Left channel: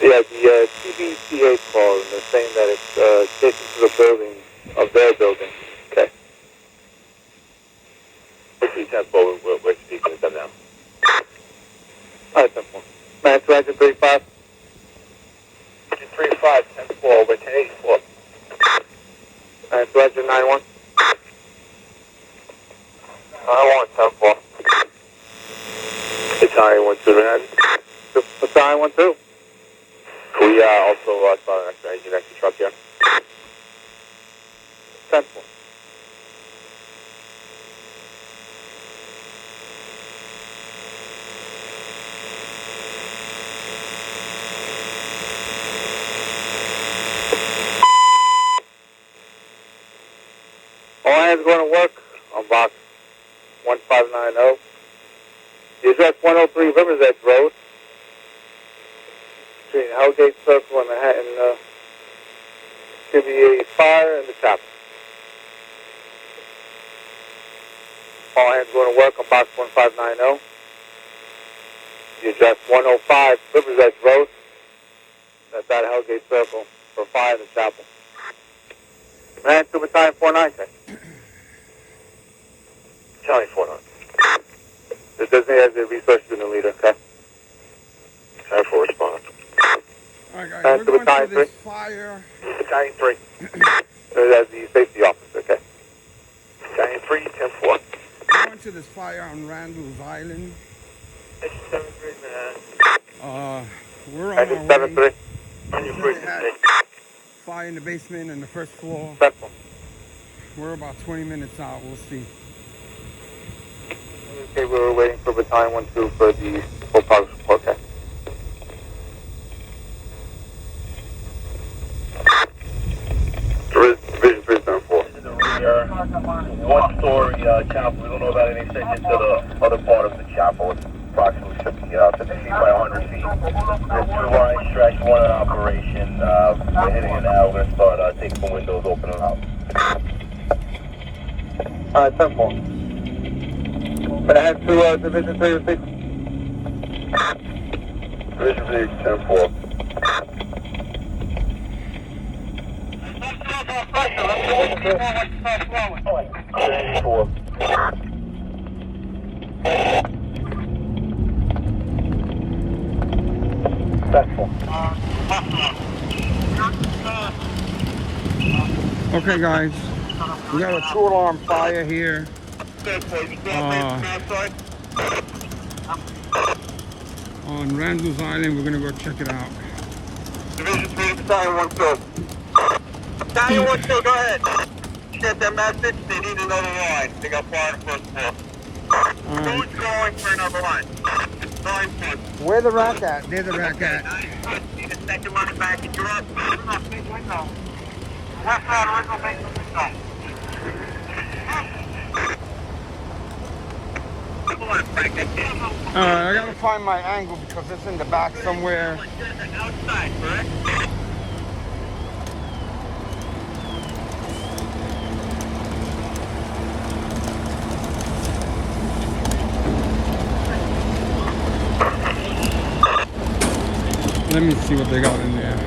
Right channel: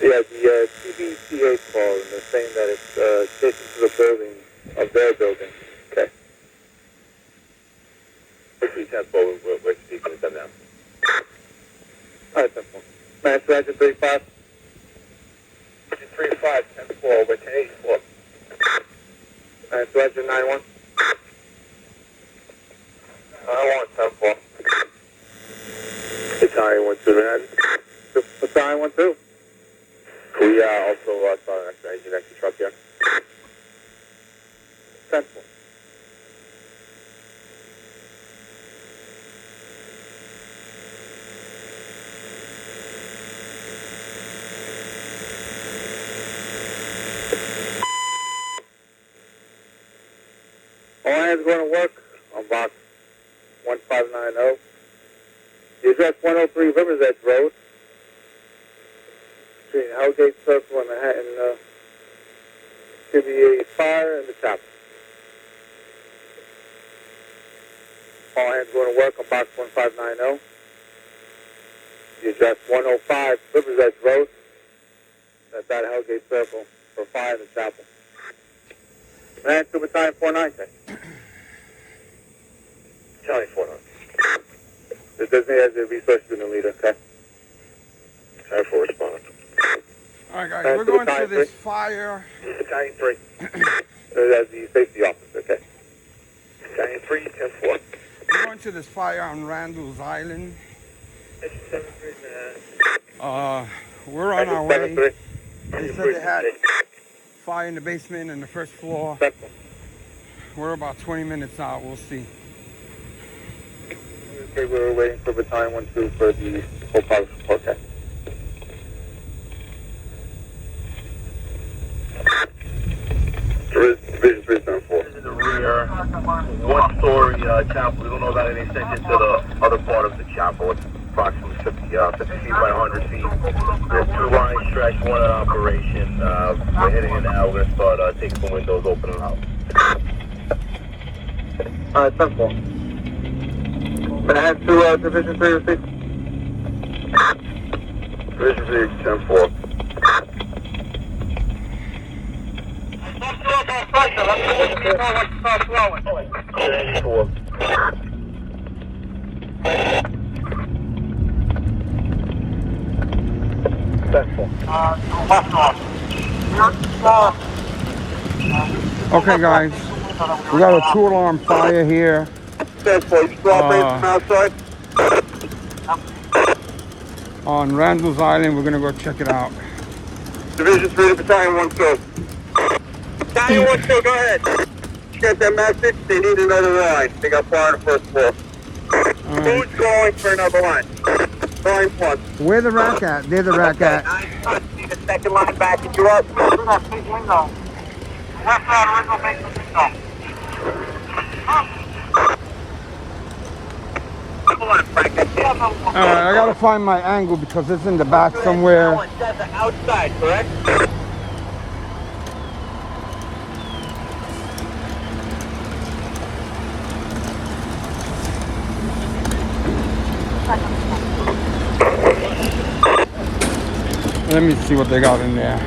Yeah, the TBCA call, and they're saying that it's adjacent to the building of their building. Okay. Which is 10-4, we're speaking with them now. All right, 10-4. Man, 235. 35, 10-4, we're 1084. All right, 291. 10-4. Italian 1-2 Manhattan. Battalion 1-2. We also saw an extra engine extra truck here. 10-4. All hands going to work on box 1590. The address 103 Rivers Edge Road. Between Hellgate Circle and Manhattan, to be a fire in the chapel. All hands going to work on box 1590. The address 105 Rivers Edge Road. That's at Hellgate Circle for fire in the chapel. Man, 2 Battalion 49. Italian 49. The designated as a resource unit leader, okay? 10-4 respond. All right, guys, we're going through this fire. Italian 3. As the safety officer, okay? Italian 3, 10-4. We're going to this fire on Randals Island. 73 Manhattan. We're on our way. 73. They said they had fire in the basement and the first floor. Central. We're about 20 minutes out. We'll see. Okay, we were waiting for Battalion 1-2 for the full progress report, okay? Division 3 10-4. This is a rear one-story chapel. We don't know about any extension to the other part of the chapel. It's approximately 50 feet by 100 feet. There's 2 lines stretched, 1 in operation. We're hitting an outlet, but take some windows open and out. All right, 10-4. Can I head to Division 3 to 6? Division 3 10-4. Okay, guys, we got a 2-alarm fire here. On Randals Island. We're gonna go check it out. Division 3 to Battalion 1-2. Battalion 1-2, go ahead. You got that message? They need another line. They got fire on the first floor. Who's going for another line? Line 1. Where the rack at? There's the rack at. Need a second line backing you up. Through that big window. Left side original basement window. Alright, I gotta find my angle because it's in the back somewhere. Outside, correct? Let me see what they got in there.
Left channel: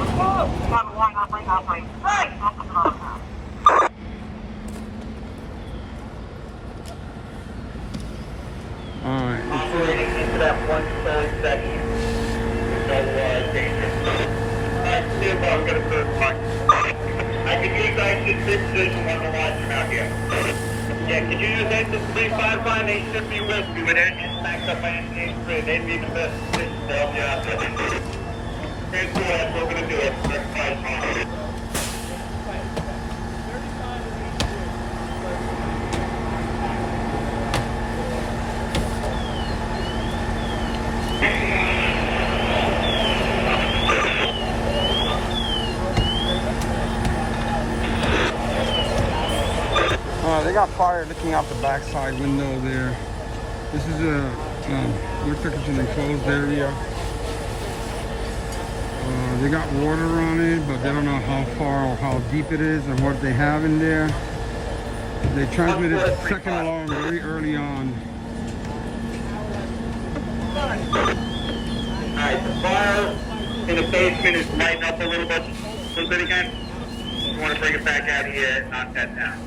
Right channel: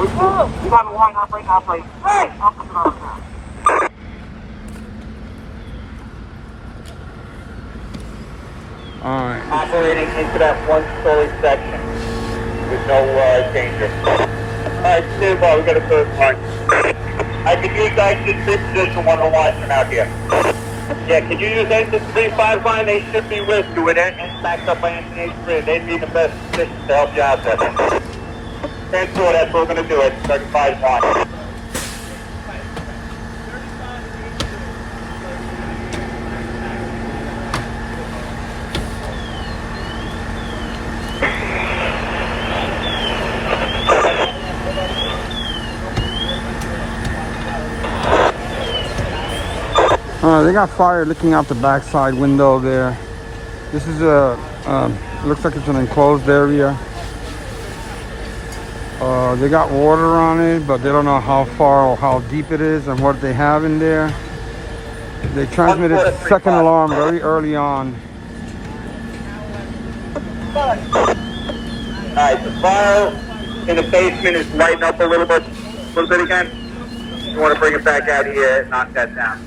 We got a line operate. Hey! Alright. Operating into that 1-story section. There's no danger. Alright, stand by, we got a third line. I can use exit 3 position 101 out here. Yeah, can you use exit 3-5 line? They should be with you. With engines backed up by engine 3, they need the best position to help you out there. 10-4, that's what we're going to do it. 35 line. They got fire looking out the backside window there. This is a, looks like it's an enclosed area. They got water on it, but they don't know how far or how deep it is and what they have in there. They transmitted second alarm very early on. Alright, the fire in the basement is lighting up a little bit again. You want to bring it back out here and knock that down.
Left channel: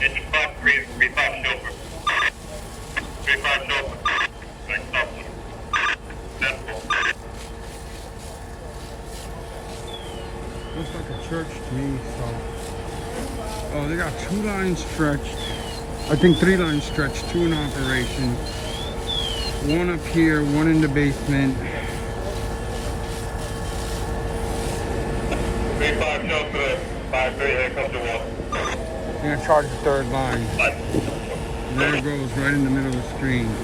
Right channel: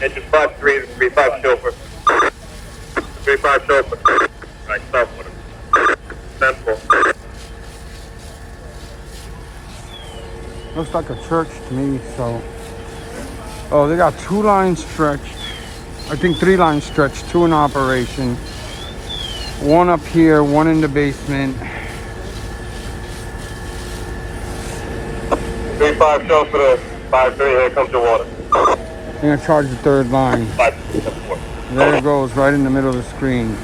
Engine 5-3, 3-5 chauffeur. 3-5 chauffeur. Alright, stop with him. Central. Looks like a church to me, so. Oh, they got 2 lines stretched. I think 3 lines stretched, 2 in operation. 1 up here, 1 in the basement. 3-5 chauffeur, 5-3, here comes the water. I'm gonna charge the 3rd line. 5. There it goes, right in the middle of the screen.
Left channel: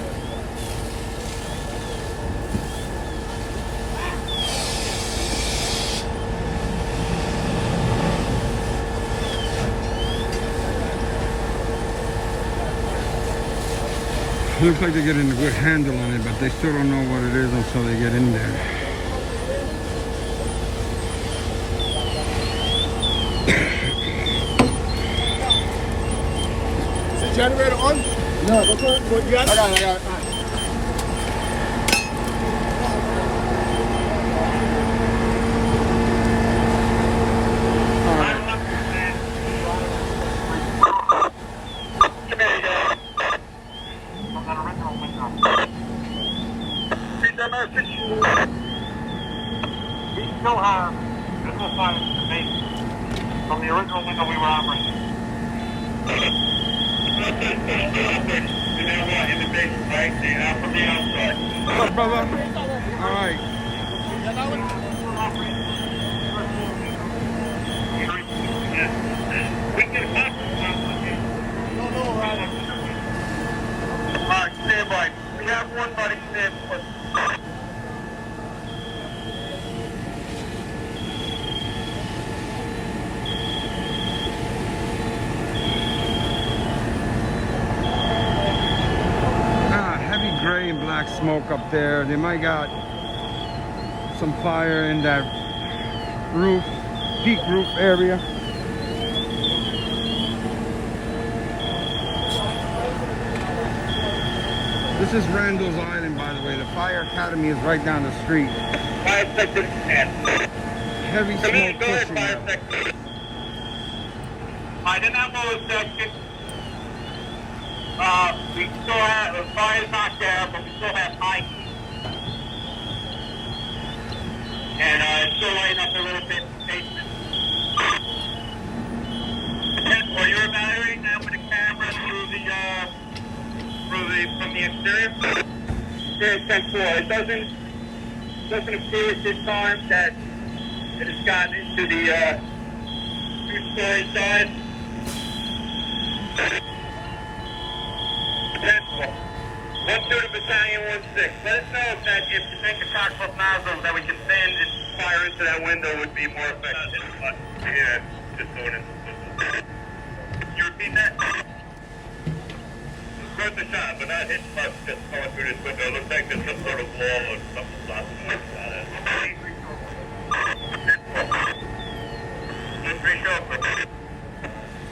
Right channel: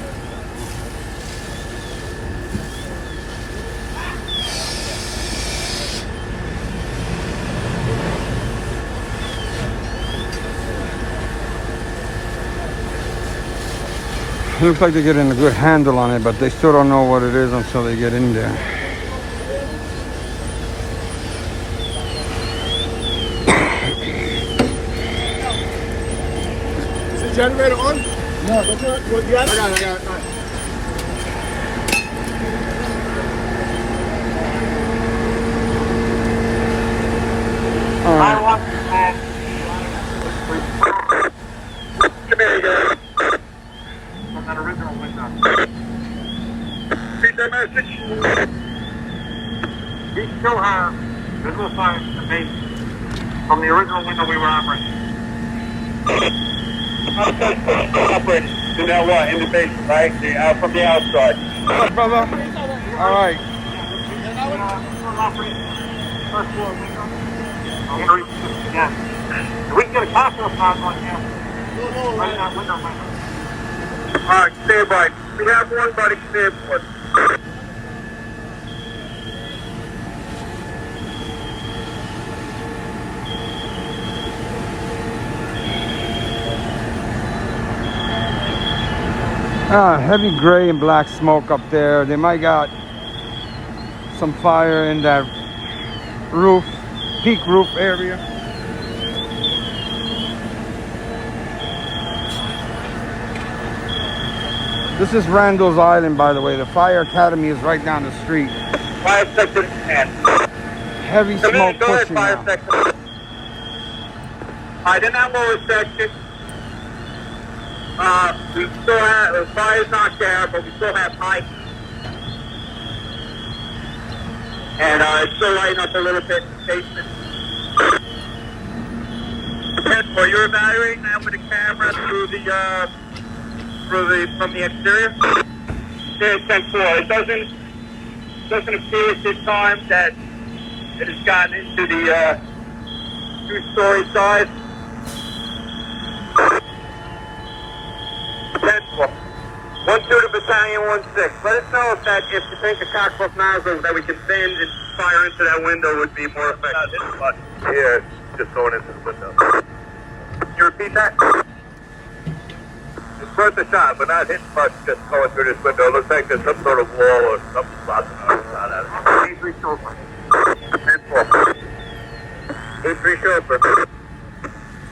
Looks like they're getting a good handle on it, but they still don't know what it is until they get in there. Is the generator on? No, that's all right. Well, you got it? I got it. All right. Come here, you guys. From that original window. Read that message. We still have visual signs to make from the original window we were operating. In that what? In the basement, right? From the outside. What's up, brother? All right. First floor window. Yeah. We can get a cocktail sound like that. No, right that window. Alright, stand by. We have one buddy stand for us. Heavy gray and black smoke up there. They might got some fire in that roof, peak roof area. This is Randals Island, by the way. The fire academy is right down the street. Fire section and Heavy come in, smoke go ahead, pushing fire now. section. Alright, in that lower section, we still have, the fire's not there, but we still have high heat. And it's still lighting up a little bit in the basement. Well, you're evaluating that with a camera through from the exterior? Yeah, 10-4. It doesn't appear at this time that it has gotten into the 2-story side. 10-4. 1-2 to battalion 1-6. Let us know if you think the cockpit nozzles that we can send and fire into that window would be more effective. Yeah, just going into the window. Can you repeat that? It's worth a shot, but not hitting much just going through this window. It looks like there's some sort of wall or something blocking the outside out of it. 3 chauffeur. 3 chauffeur.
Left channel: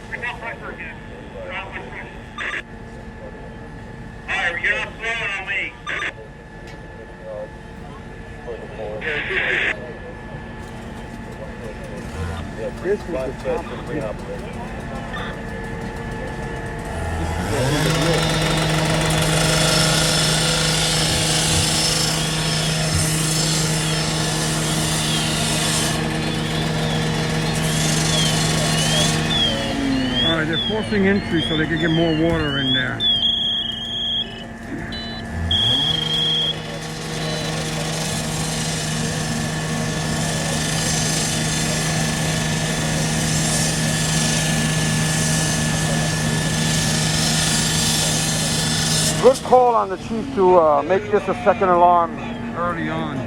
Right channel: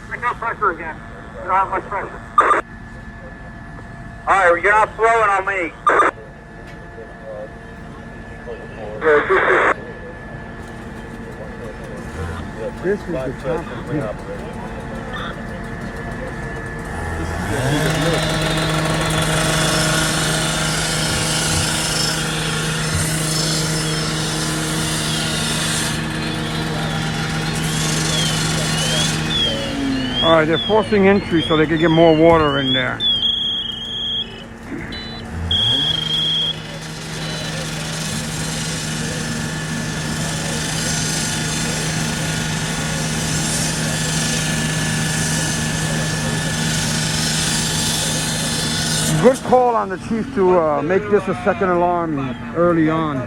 Bring out pressure again. You don't have much pressure. Alright, you're not flowing on me. All right, they're forcing entry so they can get more water in there. Good call on the chief to make this a second alarm early on.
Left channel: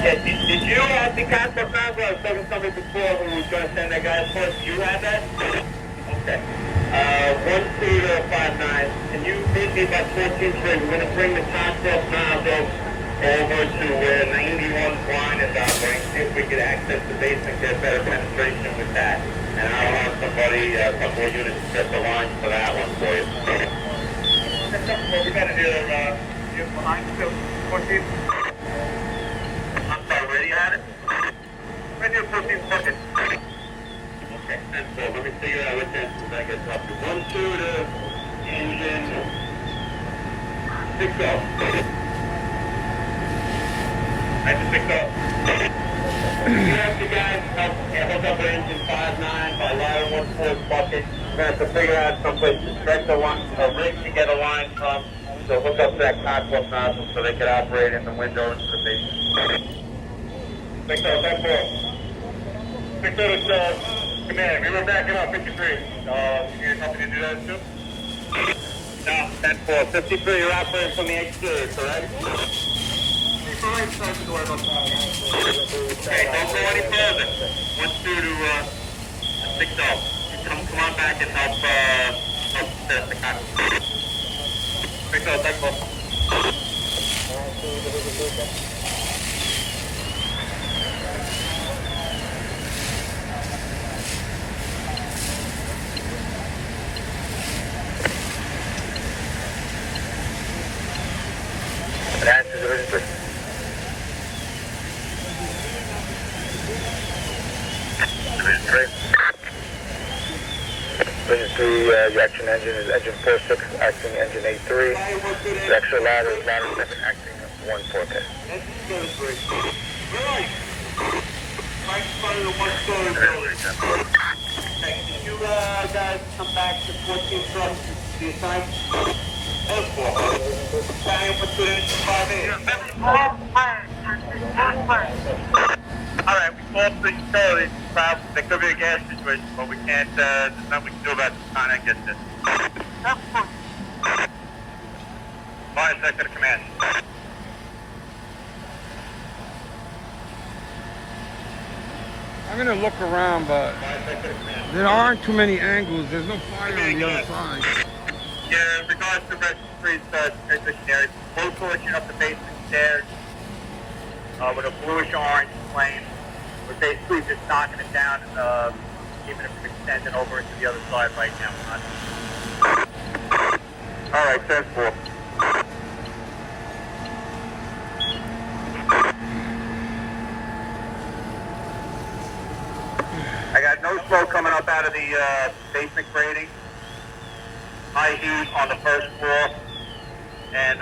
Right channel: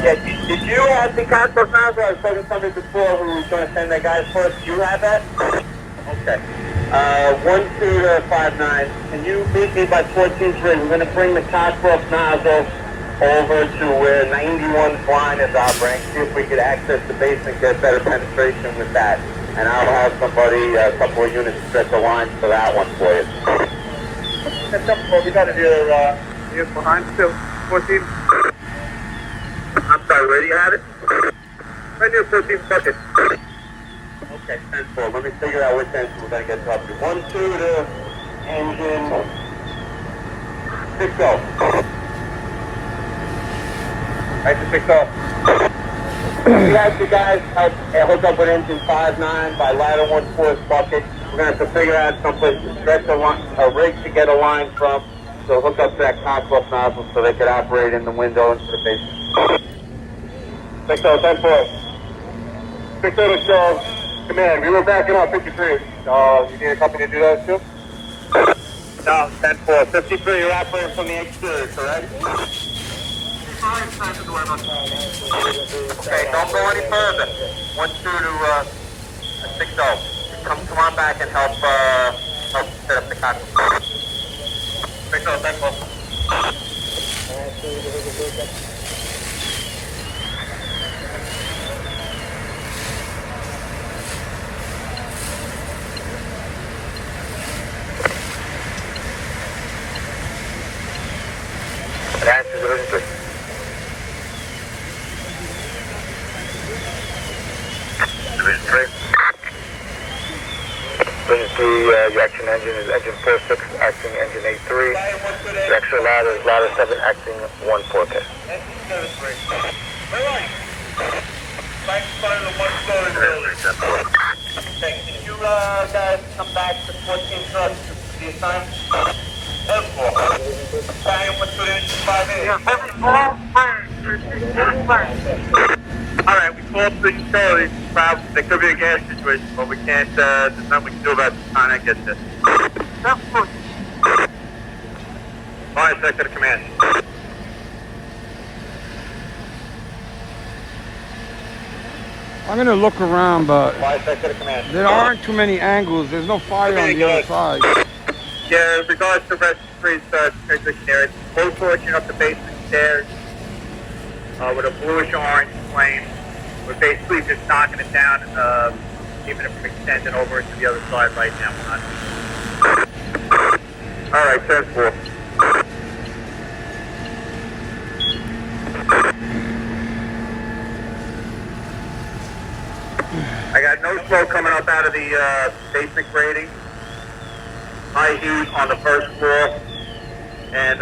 Yeah, did you have the cockpit nozzle? I was talking to somebody before who was going to send that guy for us. Do you have that? Okay. 12 to 59. Can you meet me by 14-3? We're going to bring the Cockcroft nozzle over to where 91's line is operating. See if we can access the basement, get better penetration with that. And I'll have somebody, a couple of units set the lines for that one for you. Well, we got it here, behind still, 14. I'm sorry, where do you have it? Right near 14 seconds. Okay, 10-4. Let me figure out which engine we're going to get up to. 1-2 to engine 6-0. Right to 6-0. We have the guys hook up with engine 5-9 by ladder 1-4 bucket. We're going to have to figure out something, get a rig to get a line from. So hook up that Cockcroft nozzle so they can operate in the window into the basement. 6-0, 10-4. 6-0, command, we were backing up 53. You need a company to do that too? No, 10-4. 53, you're operating from the exterior, correct? Okay, don't go any further. 1-2 to 6-0. Come on back and help set up the Cockcroft. 6-0, 10-4. The action engine is engine 46, acting engine 83. The extra ladder is ladder 7, acting 1 4K. Right in front of the one-story building. Okay, can you guys come back to 14 trucks to the assignment? 10-4. Battalion 1-2 to 5 Alright, we called the utilities. There could be a gas situation, but we can't, there's nothing we can do about the time that gets there. That's good. Fire sector to command. I'm gonna look around, but Fire sector to command. there aren't too many angles. There's no fire on the other side. Yeah, in regards to rest freeze, it's both portion up the basement stairs with a bluish orange flame. We're basically just knocking it down, keeping it from extending over into the other side right now. All right, 10-4. I got no smoke coming up out of the basement grading. High heat on the first floor, and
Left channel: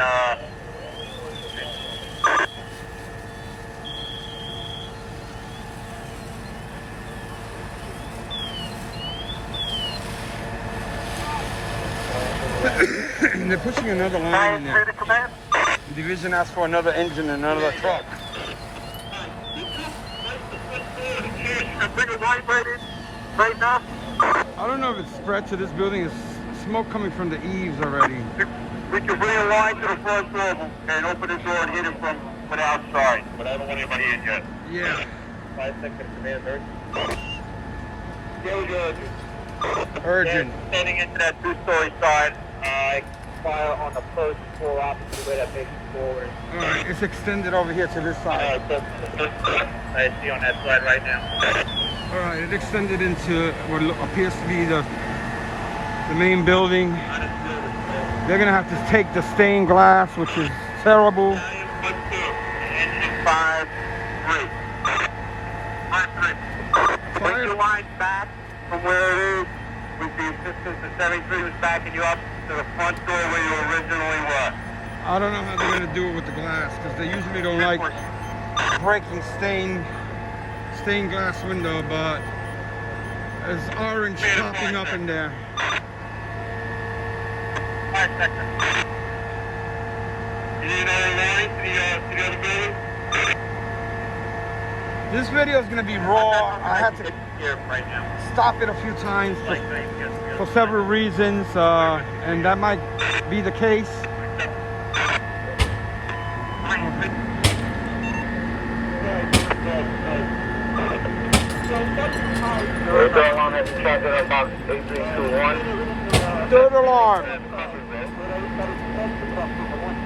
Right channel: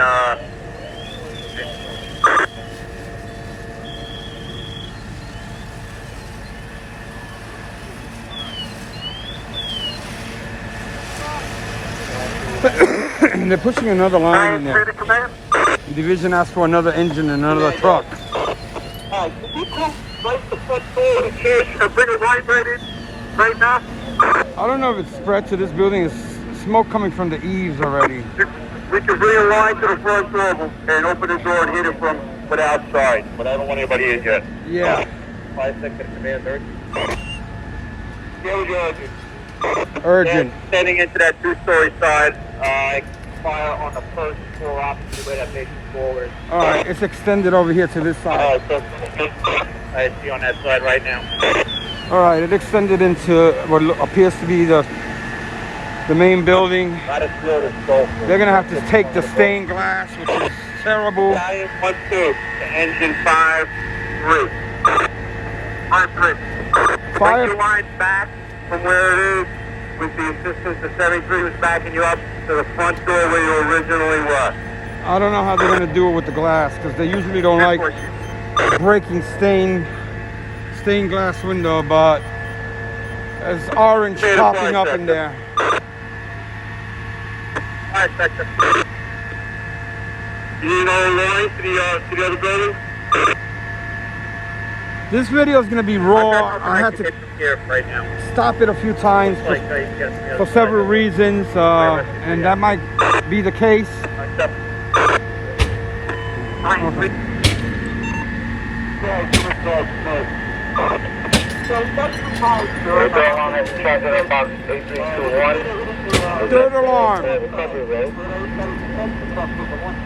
They're pushing another line in there. command. The division asked for another engine and another truck. Alright, can you come right the front door of the church and bring it right in, right now? I don't know if it's spread to this building. It's smoke coming from the eaves already. We can bring a line to the front door and open the door and hit it from the outside, but I don't want anybody in yet. Yeah. 5 seconds, command, Urgent. Heading into that two-story side, fire on the first floor opposite the basement floor. All right, it's extended over here to this side. Alright, so I see on that side right now. All right, it extended into what appears to be the main building. Not as good as gold. They're gonna have to take the stained glass, which is terrible. Battalion 1-2, engine 5-3. 5-3. Fire- Take your line back from where it is with the assistance of 73 who's backing you up to the front door where you originally were. I don't know how they're gonna do it with the glass because they usually don't like breaking stained glass window, but there's orange popping up in there. 5 seconds. You need another line to the other building? This video is gonna be raw. I had to get here right now. stop it a few times Like, so you can get for several reasons, and that might be the case. Okay. Overhaul alarm has been charged at box 8321. Is that the recovery road?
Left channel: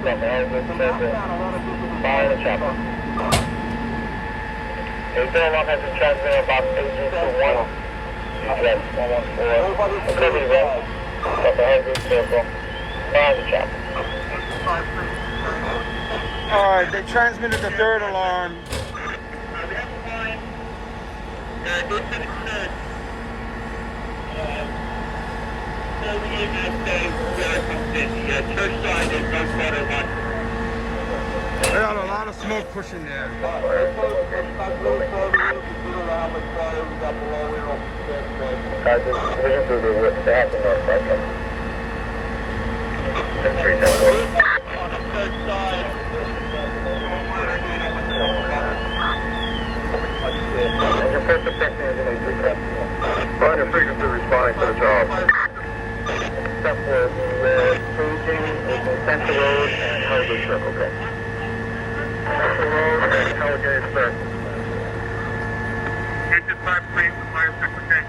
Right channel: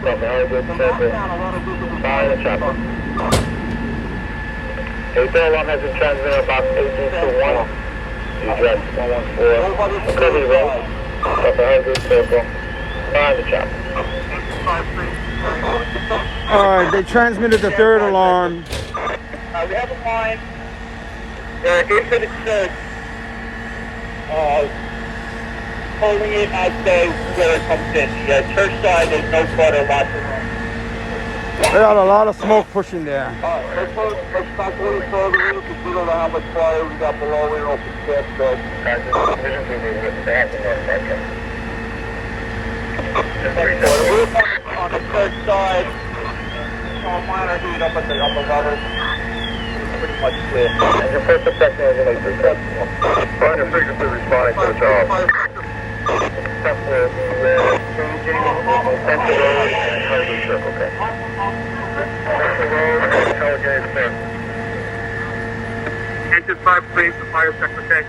From the Hollywood Circle, fire the chopper. Overhaul alarm has been charged at box 8321. The address 114 recovery road. From the Hollywood Circle, fire the chopper. Alright, they transmitted the third alarm. We have a line into the church, holding it as where it comes in. The church side, there's no clutter, lots of room. They got a lot of smoke pushing there. Guys, this is through the back in that second. On the church side, Your first objection is an 83 Find your frequency responding to the job. Step for the staging with the Central Road and Hollywood Circle, okay? Central Road and Telegate Circle. Engine 5, please, the fire secretary.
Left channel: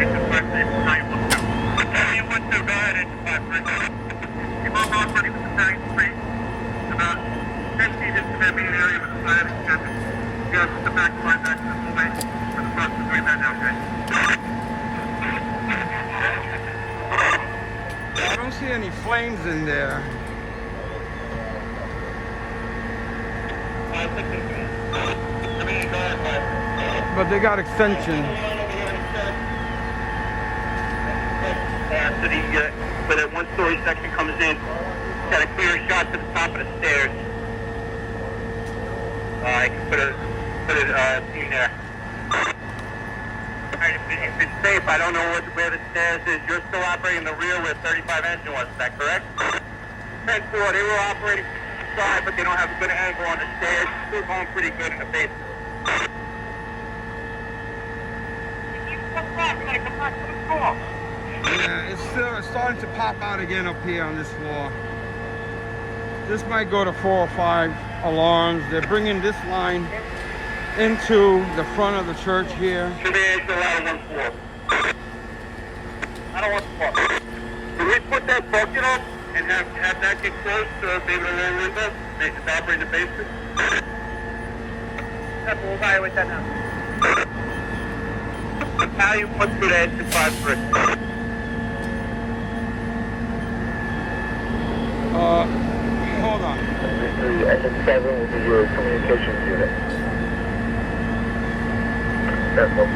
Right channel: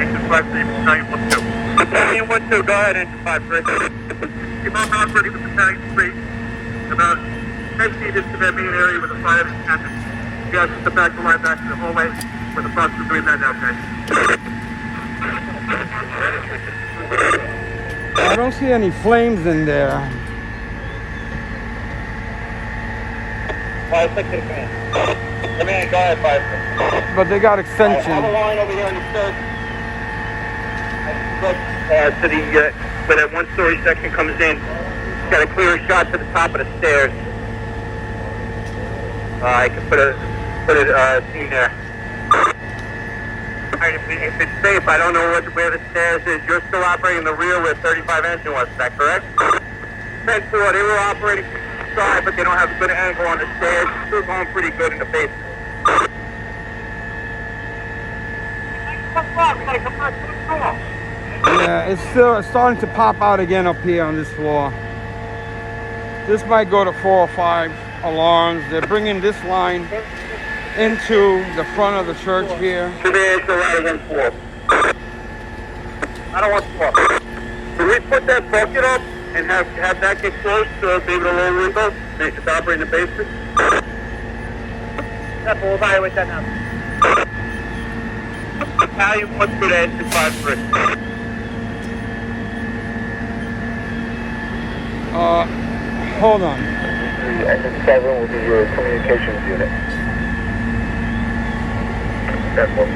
Engine 5, please, battalion 1-2. Battalion 1-2, go ahead, engine 5, please. You might not ready with battalion 3. About 10 feet into that main area with the fire extended. You guys just step back the line back to the hallway where the process is doing that now, guys. I don't see any flames in there. Fire secretary, command. Command, go ahead, fire secretary. But they got extension. Hold the line over there in the church. To the, where that one-story section comes in. Got a clear shot to the top of the stairs. I can put a team there. Alright, if it's safe, I don't know where the stairs is. You're still operating the rear where 35 engine was, is that correct? 10-4, they were operating from the side, but they don't have a good angle on the stairs. It's still going pretty good in the basement. We gotta come back to the door. Yeah, it's starting to pop out again up here on this floor. This might go to 4 or 5 alarms. They're bringing this line into the front of the church here. I don't want to walk. Can we put that bucket up and have that get close to maybe the lower window? Make it operate in the basement? Yeah, we'll evaluate that now. Battalion 1-2 to engine 5-3. Hold on. Engine 7 will be your communications unit. That's one.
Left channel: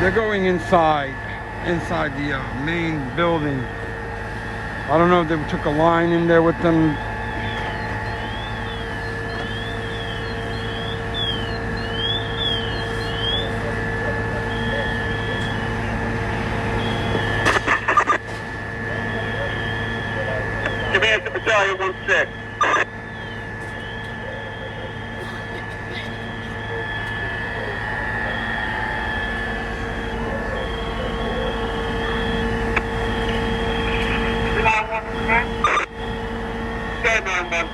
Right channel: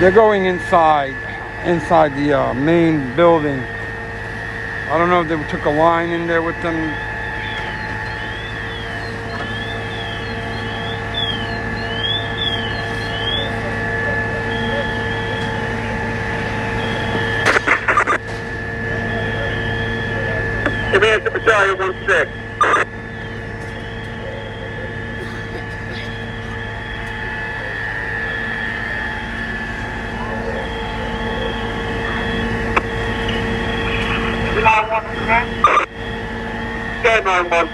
They're going inside the main building. I don't know if they took a line in there with them. Command to Battalion 1-6. Stand 9-1.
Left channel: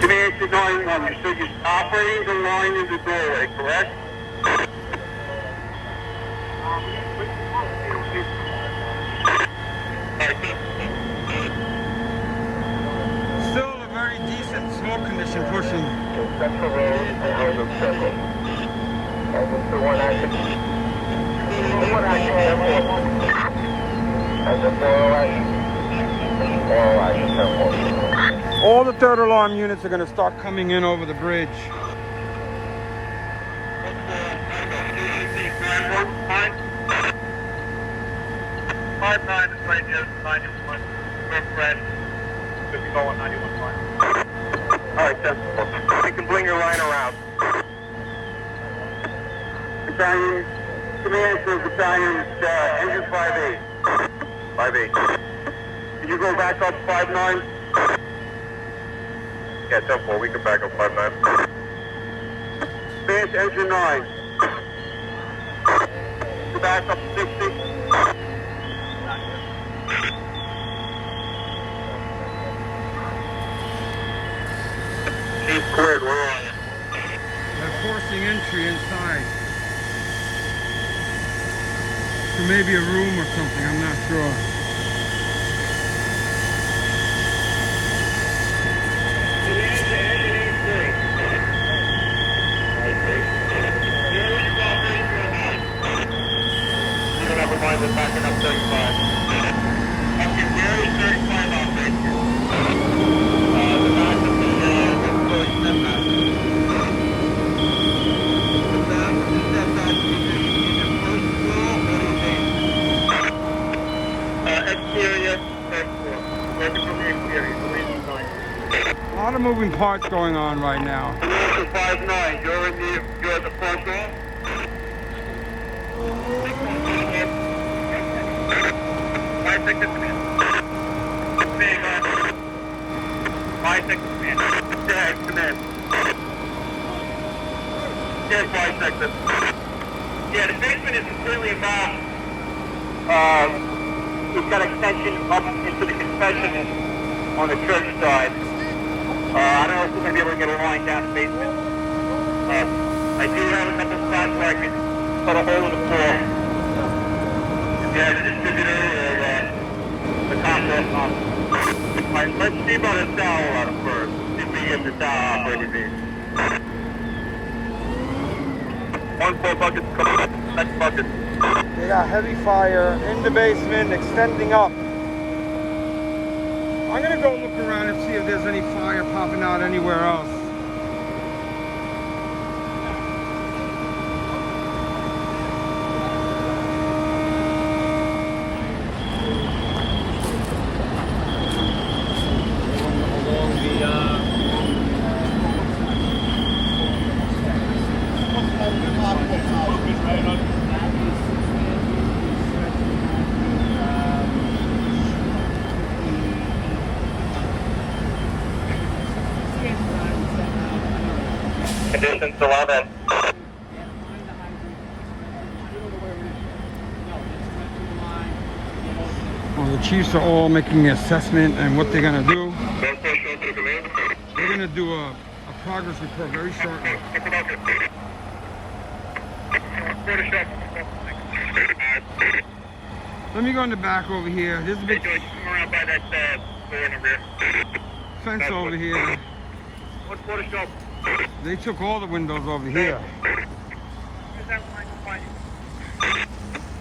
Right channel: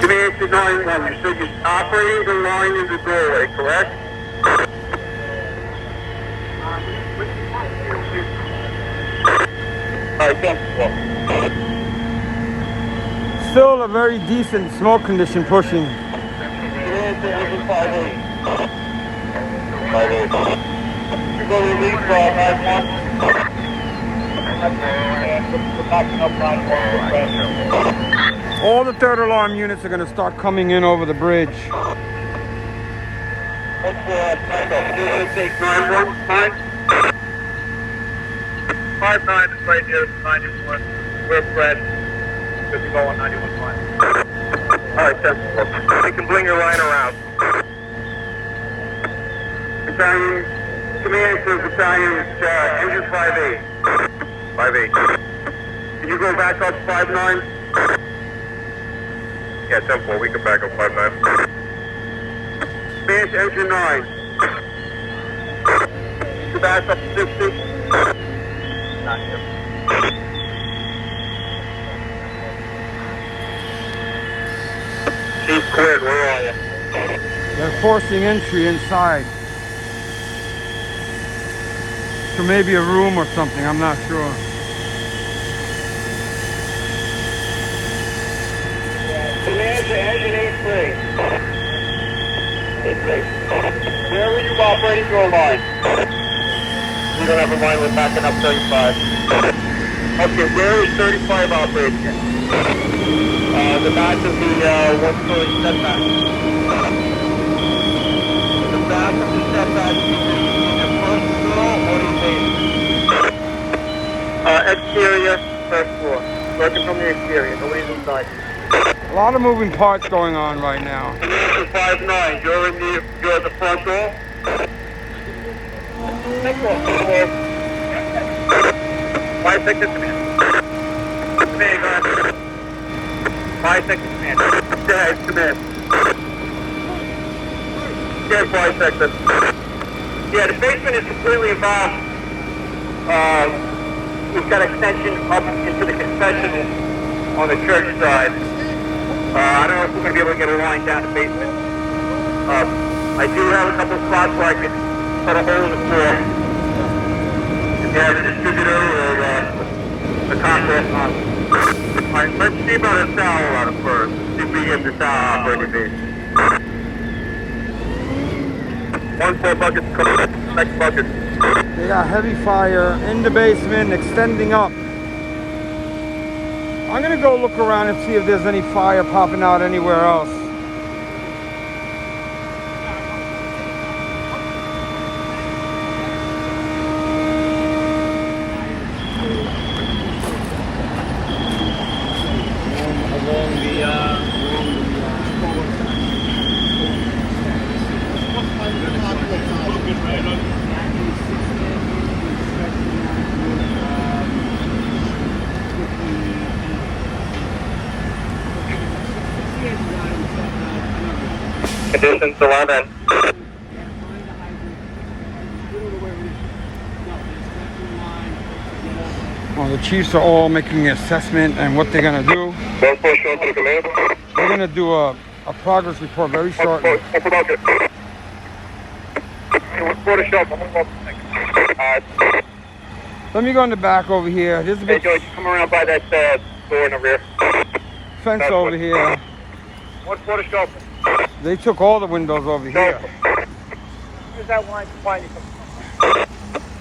Command to 9-1. You said you're operating the line in the doorway, correct? Alright, come. Still a very decent smoke condition pushing. All the third alarm units are going to start coming in over the bridge. Five 9 is right here, 91. We're Fred. Good to go on 91 line. Alright, sensible. You can bring your line around. Battalion, command to battalion, engine 5-8. 5-8. Can you go back up 5-9? Yeah, 10-4, we can back up 5-9. Advance engine 9. You back up 60. Chief cleared, where are you? They're forcing entry inside. So maybe a room or something, I'm not sure. There we go, operating your line. We don't have a line, we're backing up 35. Okay, where is 35 operation? The back of the one-story setback. The back of the setback is either first floor or the basement. Exterior, first floor. Working from the exterior, nobody's inside. A lot of moving parts going on right now. Commander 5-9, you're at the front door? Take off. 5 seconds command. Command, go ahead. 5 seconds command. Go ahead, command. Yeah, 5 seconds. Yeah, the basement is completely involved. We've got extension up into the confessional on the church side. I don't know if we're going to be able to get a line down the basement. I do have a couple of spots where I can cut a hole in the floor. You have a distributor or the contract model. Alright, let's see about the towel ladder first. See if we can get the towel operating base. 1-4 buckets coming up. Next bucket. They got heavy fire in the basement, extending up. I'm gonna go look around and see if there's any fire popping out anywhere else. Conditions 11. Well, the chiefs are all making an assessment and what they're gonna do. 1-4 show to the command. They're gonna do a progress report very shortly. 1-4 bucket. 1-4 to show. Alright. Let me go in the back over here. There's a Hey, big Joey, come around by that door in the rear. fence over here. 1-4 to show. They took all the windows over here. Use that line to find you.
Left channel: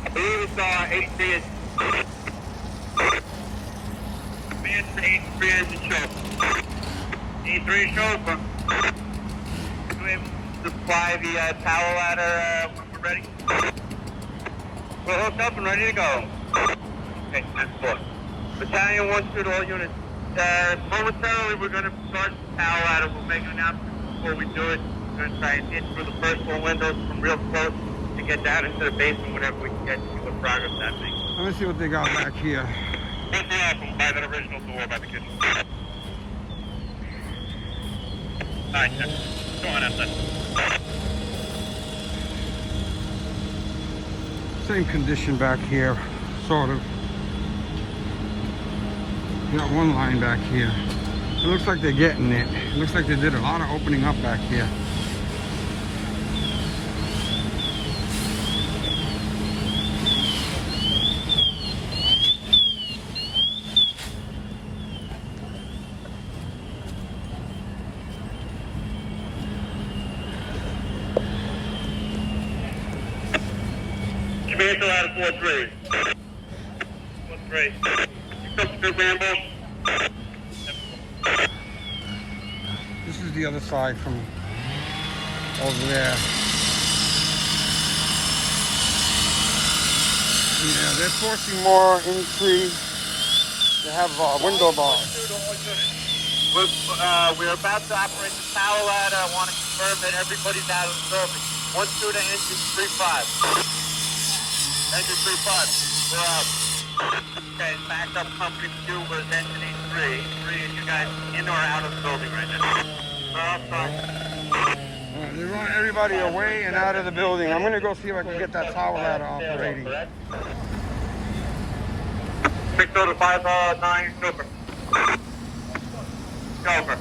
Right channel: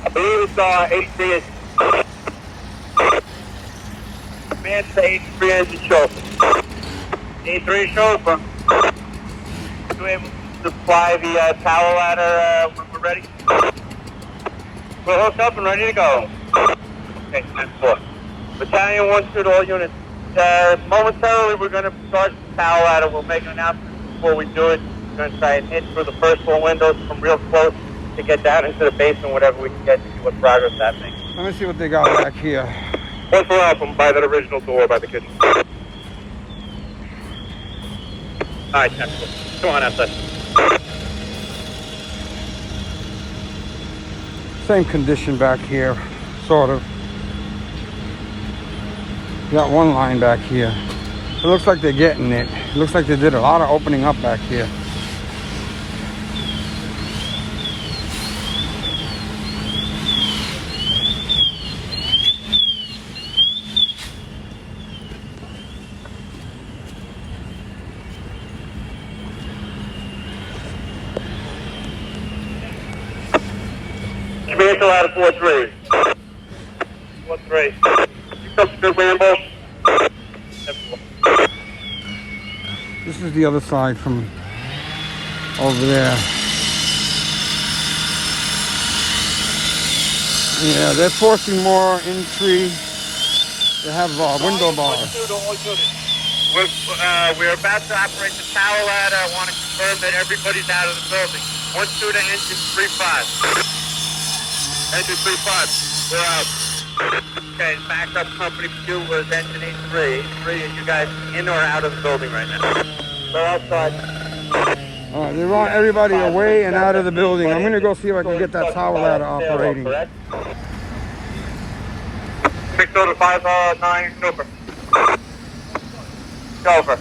I believe it's 83. Command to 83 engine show. 83 chauffeur. You able to fly the tower ladder when we're ready? We're hooked up and ready to go. Okay, 10-4. Battalion 1-2 to all units. Momentarily, we're going to start the tower ladder. We'll make an announcement before we do it. We're going to try and hit through the first floor windows from real close to get down into the basement, whatever we can get to see what progress that makes. Let me see what they got back here. 1-4 out from by that original door by the kitchen. Alright, 10-4. Come on outside. Same condition back here, sort of. Got one line back here. It looks like they're getting it. It looks like they did a lot of opening up back here. Command out of 4-3. 1-3. Substitute Rambo. This is the other side from over there. Yeah, they're forcing more entry. They have window bars. We're about to operate the tower ladder. I want to confirm that everybody's out of the building. 1-2 to engine 3-5. Engine 3-5. We're out. Okay, backup company 2 was engine 83. 83, is you guys in or out of the building right now? Go outside. All right, they want everybody away and out of the building. I'm gonna go see if I can get that tower ladder operating. 605 Super. Chauffeur.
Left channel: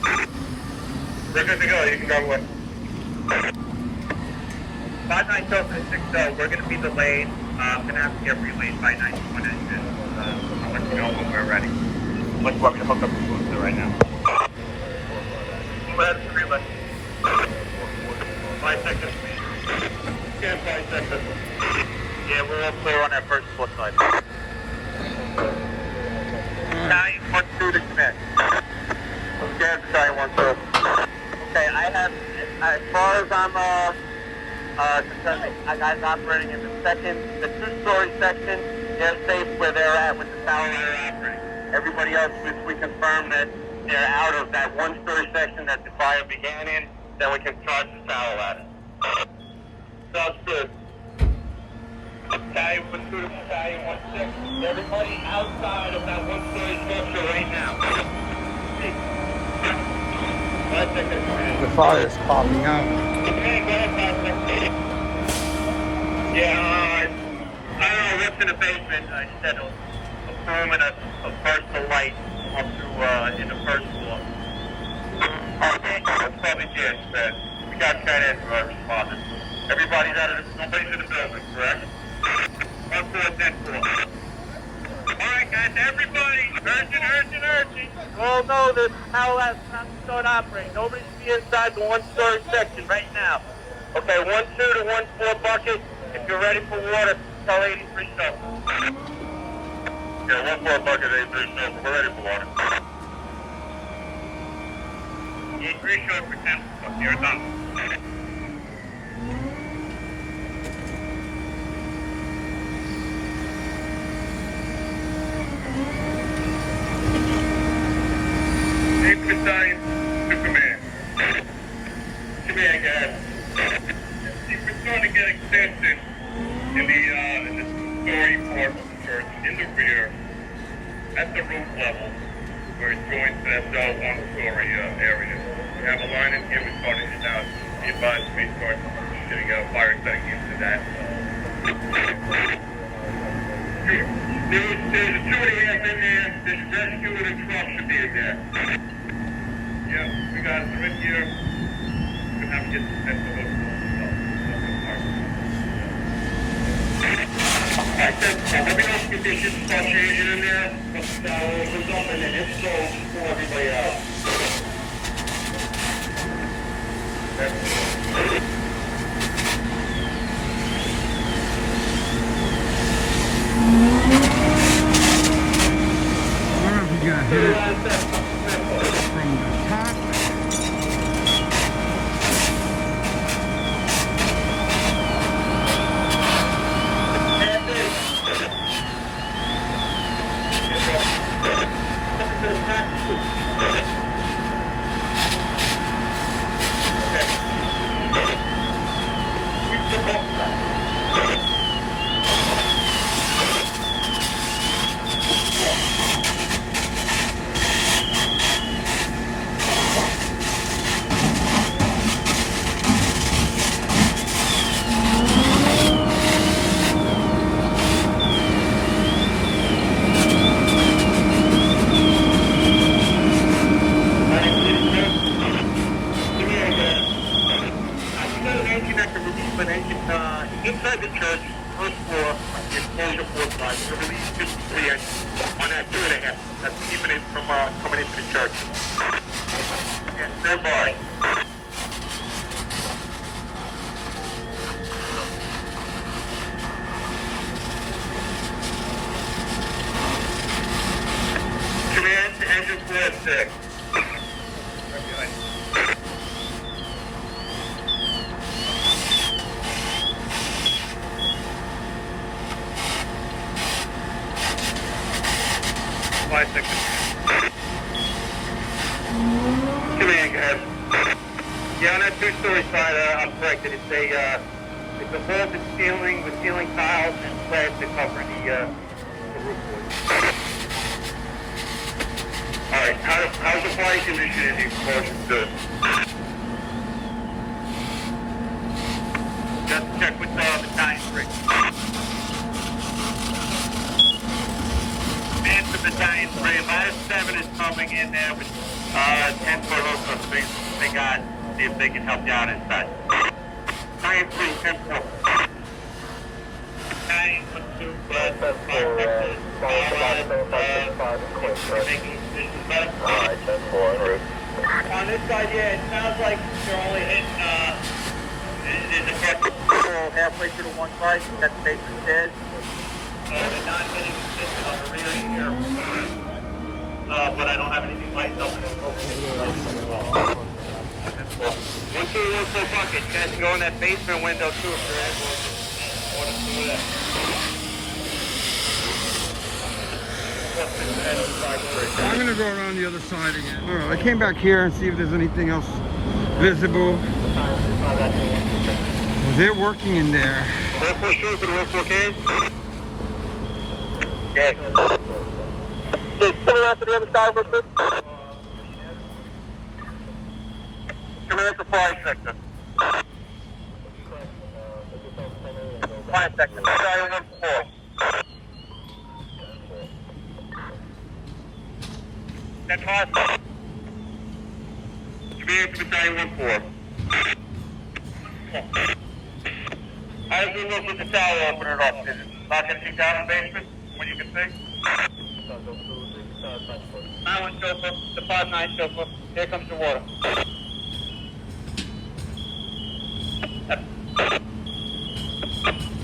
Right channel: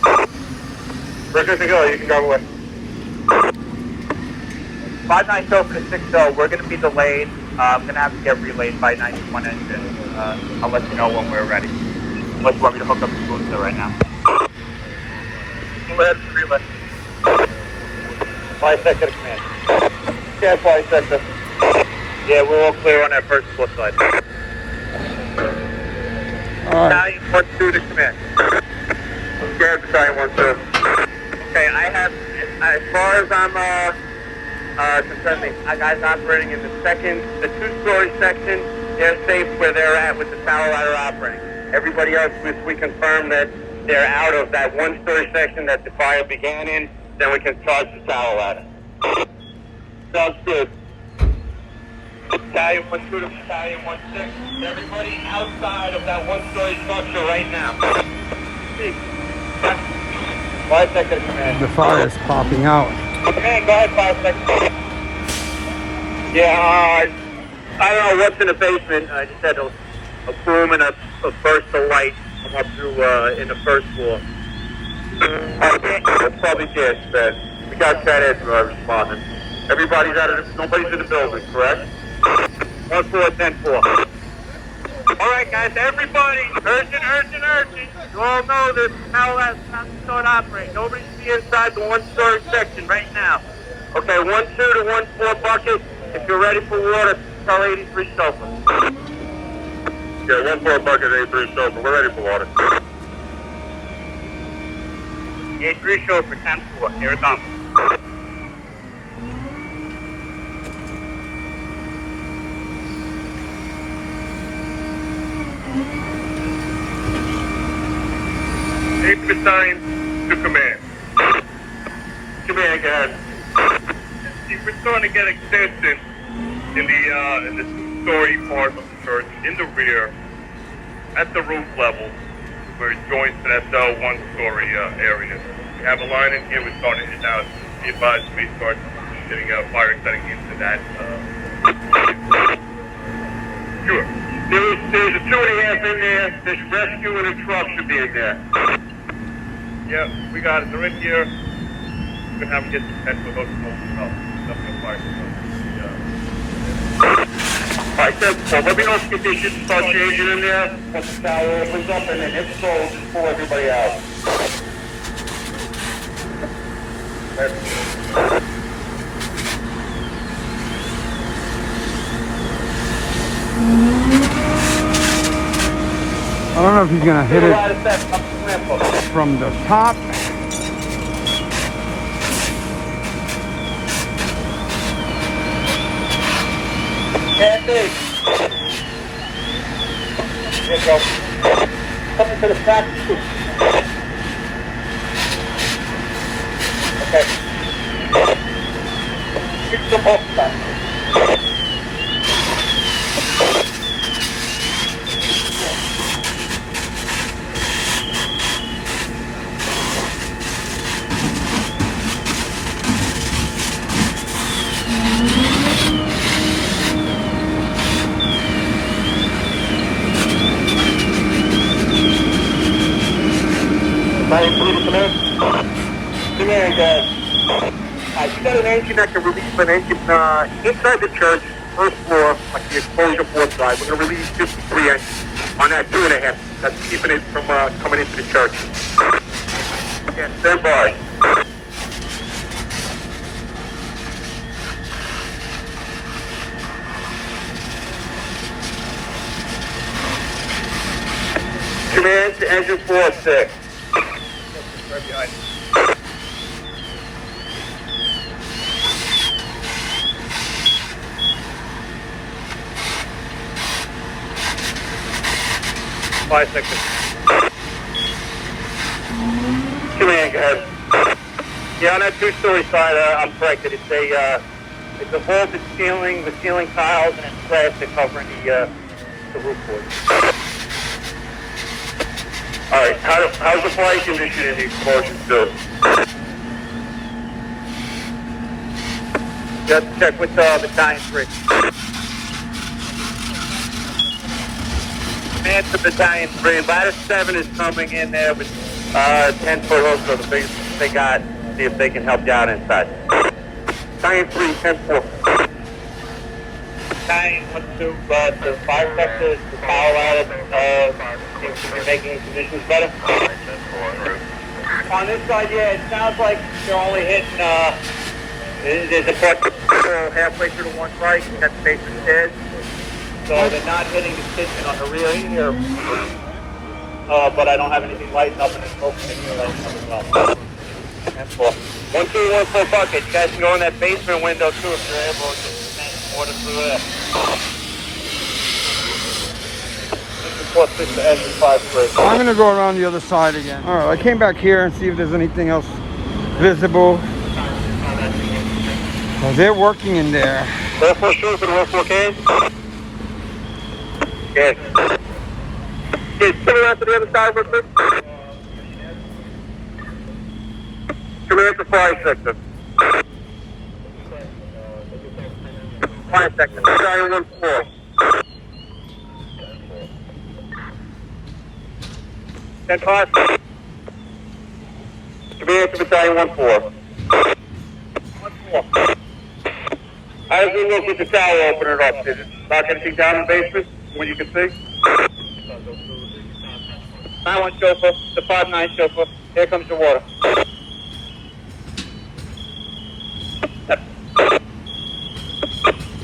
We're good to go. You can go away. 59 Chauffeur to 60. We're going to be delayed. I'm going to have to get relayed by 91 engine. I'll let you know when we're ready. Unless you want me to hook up the booster right now. Go ahead, relay. 5 second command. Yeah, 5 second. Yeah, we're all clear on that first split side. All right. Battalion 1-2 to command. Yeah, Battalion 1-2. Okay, I have, as far as I'm concerned, the guys operating in the 2-story section, they're safe where they're at with the tower ladder operating. Everybody else, if we confirm that they're out of that 1-story section that the fire began in, then we can charge the tower ladder. Sounds good. Battalion 1-2 to Battalion 1-6. Everybody outside of that 1-story structure right now. 5 seconds. The fire's popping out. Okay, go ahead, 5 seconds. Yeah, I don't know what's in the basement. I just had a boom and a burst of light come up through in the first floor. Okay, that's probably gas, man. We got that edge responding. Everybody's out of the, nobody's in the building, correct? 1-4-10-4. All right, guys, everybody, urgent. You all know this. How that's time to start operating. Nobody should be inside the 1-story section right now. Okay, 1-2 to 1-4 bucket. If you're ready for water, tell 83 Sofa. Yeah, 1-4 bucket, 83 Sofa. We're ready for water. 83 Sofa, 10-4. Here it comes. Battalion to command. Command, go ahead. We're starting to get extension in the 2-story part of the church, in the rear, at the roof level, where it joins to that 1-story area. We have a line in here. We're starting it now. Be advised, we start getting fire setting into that. Sure. There's a 2.5 in there. There's rescue and a truck should be in there. Yeah, we got it. They're in here. We're going to have to get the pencil hook and all the fire. Alright, so let me know if conditions start changing in there. Once the tower opens up, and then if so, just pull everybody out. I don't know if he's gonna hit it from the top. Coming to the back. Okay. Keep the box back. You got an engine that can release an engine inside the church, first floor, like the exposure port side. We're going to release just 3 engines on that 2.5. That's keeping it from coming into the church. Okay, stand by. Command to engine 4-6. Right behind you. Five seconds. Command, go ahead. Yeah, on that 2-story side, I'm corrected. It's a vaulted ceiling with ceiling tiles and it's plastic covering the the roof for you. Alright, how's the fire condition in the explosion still? Just check with Battalion 3. And to Battalion 3, ladder 7 is coming in there with 10-foot hook, so the biggest they got, see if they can help you out inside. Battalion 3, 10-4. Battalion 1-2, so 5 sectors, power ladder, making conditions better. Alright, 10-4. On this side, yeah, it sounds like you're only hitting, there's a part halfway through the one side, that's the basement stairs. So they're not hitting the kitchen on the rear here. But I don't have anything lighting up and it's open any lighting up as well. 10-4. 1-2-1-4 bucket. You guys can go in that basement window too if you're able to just order through there. 4-6-5-3. I'm gonna go around the other side again. All right, I came back here and see if there's anything else visible. Well, they're working in there. 4-4 short for the 1-4 cage. Yes. Hey, come around to the other side real quick. Come here to 5 sector. 5 sector. Battalion 1-4. Then 5. Come here to Battalion 1-4. 1-4. How does it look with the tower open it up? Is it lock anything down in the basement? When you can see? 9-1 chauffeur, the 5-9 chauffeur. Here comes the water.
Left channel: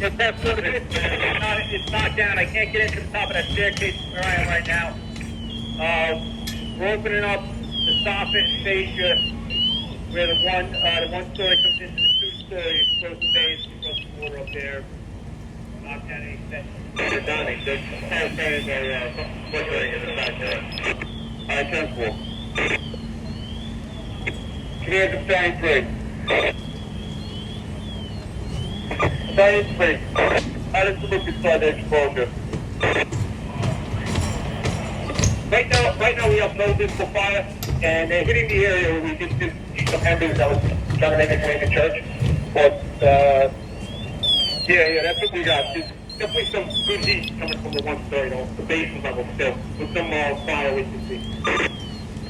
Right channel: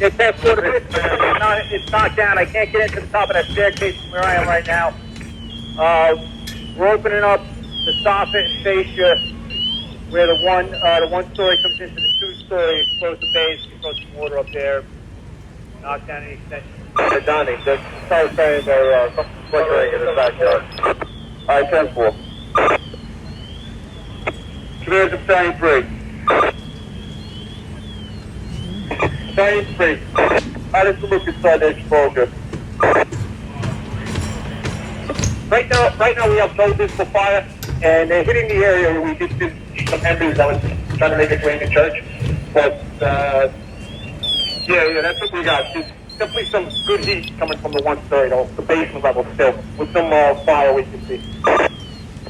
It's knocked down. I can't get into the top of that staircase where I am right now. We're opening up the soffit fascia where the one story comes into the 2-story. Close the base, close the water up there. Knock down any extension. They're done. They're saying they're flickering in the backyard. Alright, 10-4. Clear to Battalion 3. Battalion 3. How does it look inside the exposure? Right now we have no visible fire, and they're hitting the area where we did see some embers that was trying to make its way in the church. But, yeah, that's what we got. There's definitely some good heat coming from the 1-story, though, the basement level still, with some fire we can see.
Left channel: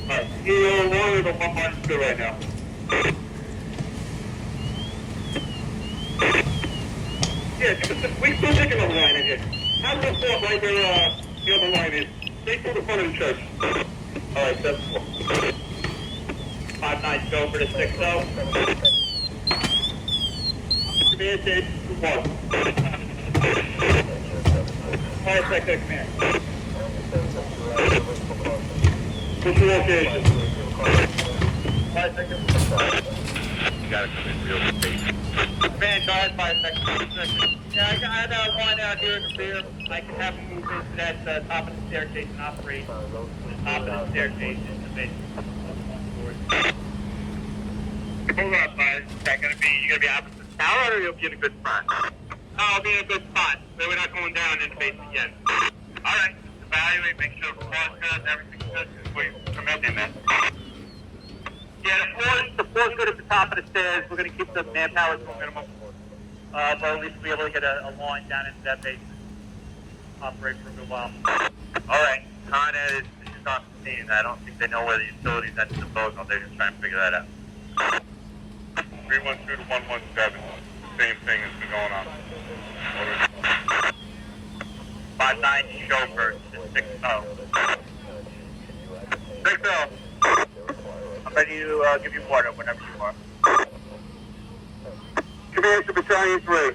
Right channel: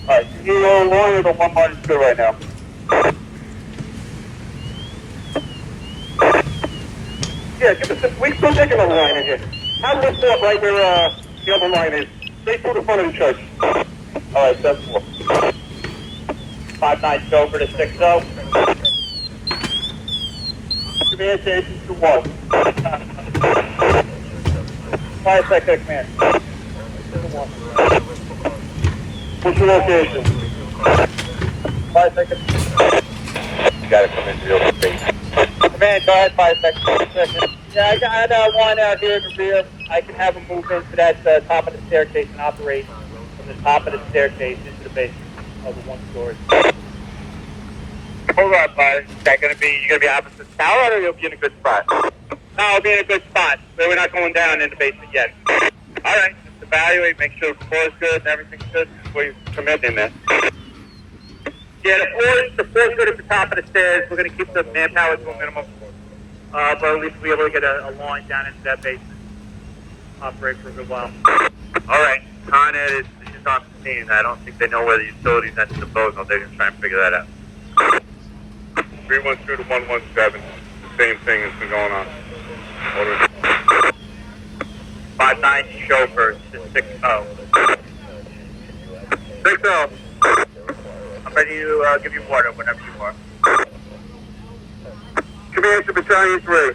Alright, you're longer than 1-2 right now. Yeah, we still taking a line in here. Have this stop right where the other line is. Straight through the front of the church. Alright, 10-4. 5-9 chauffeur to 6-0. Command station to 1. 5 sector command. What's your location? 5 seconds. You gotta come in real quick. Command, go ahead, 5 seconds. Yeah, I had one out here in the rear. I can have him move into that top of the staircase and operate from the top of the staircase into the basement of the 1-story. Hold on, bud. Is that gonna be, you gonna be opposite the tower or you'll be in a good spot? No, I'll be in a good spot. But we're not going down in the basement yet. Alright, just evaluate, make sure the floor is good and everything's good before you commit in there. Yeah, the floor's good at the top of the stairs. We're gonna keep the manpower to a minimum. But at least we'll be able to get a line down into that basement. Operate for a good while. Alright, Con Ed is just on the scene. I don't think they know where the utilities and the disposal. They're gonna try and figure that out. 312 to 117. The same thing has been going on. Order. 5-9 chauffeur to 6-0. 6-0. I'm ready to give you water whenever you are. Command to Battalion 3.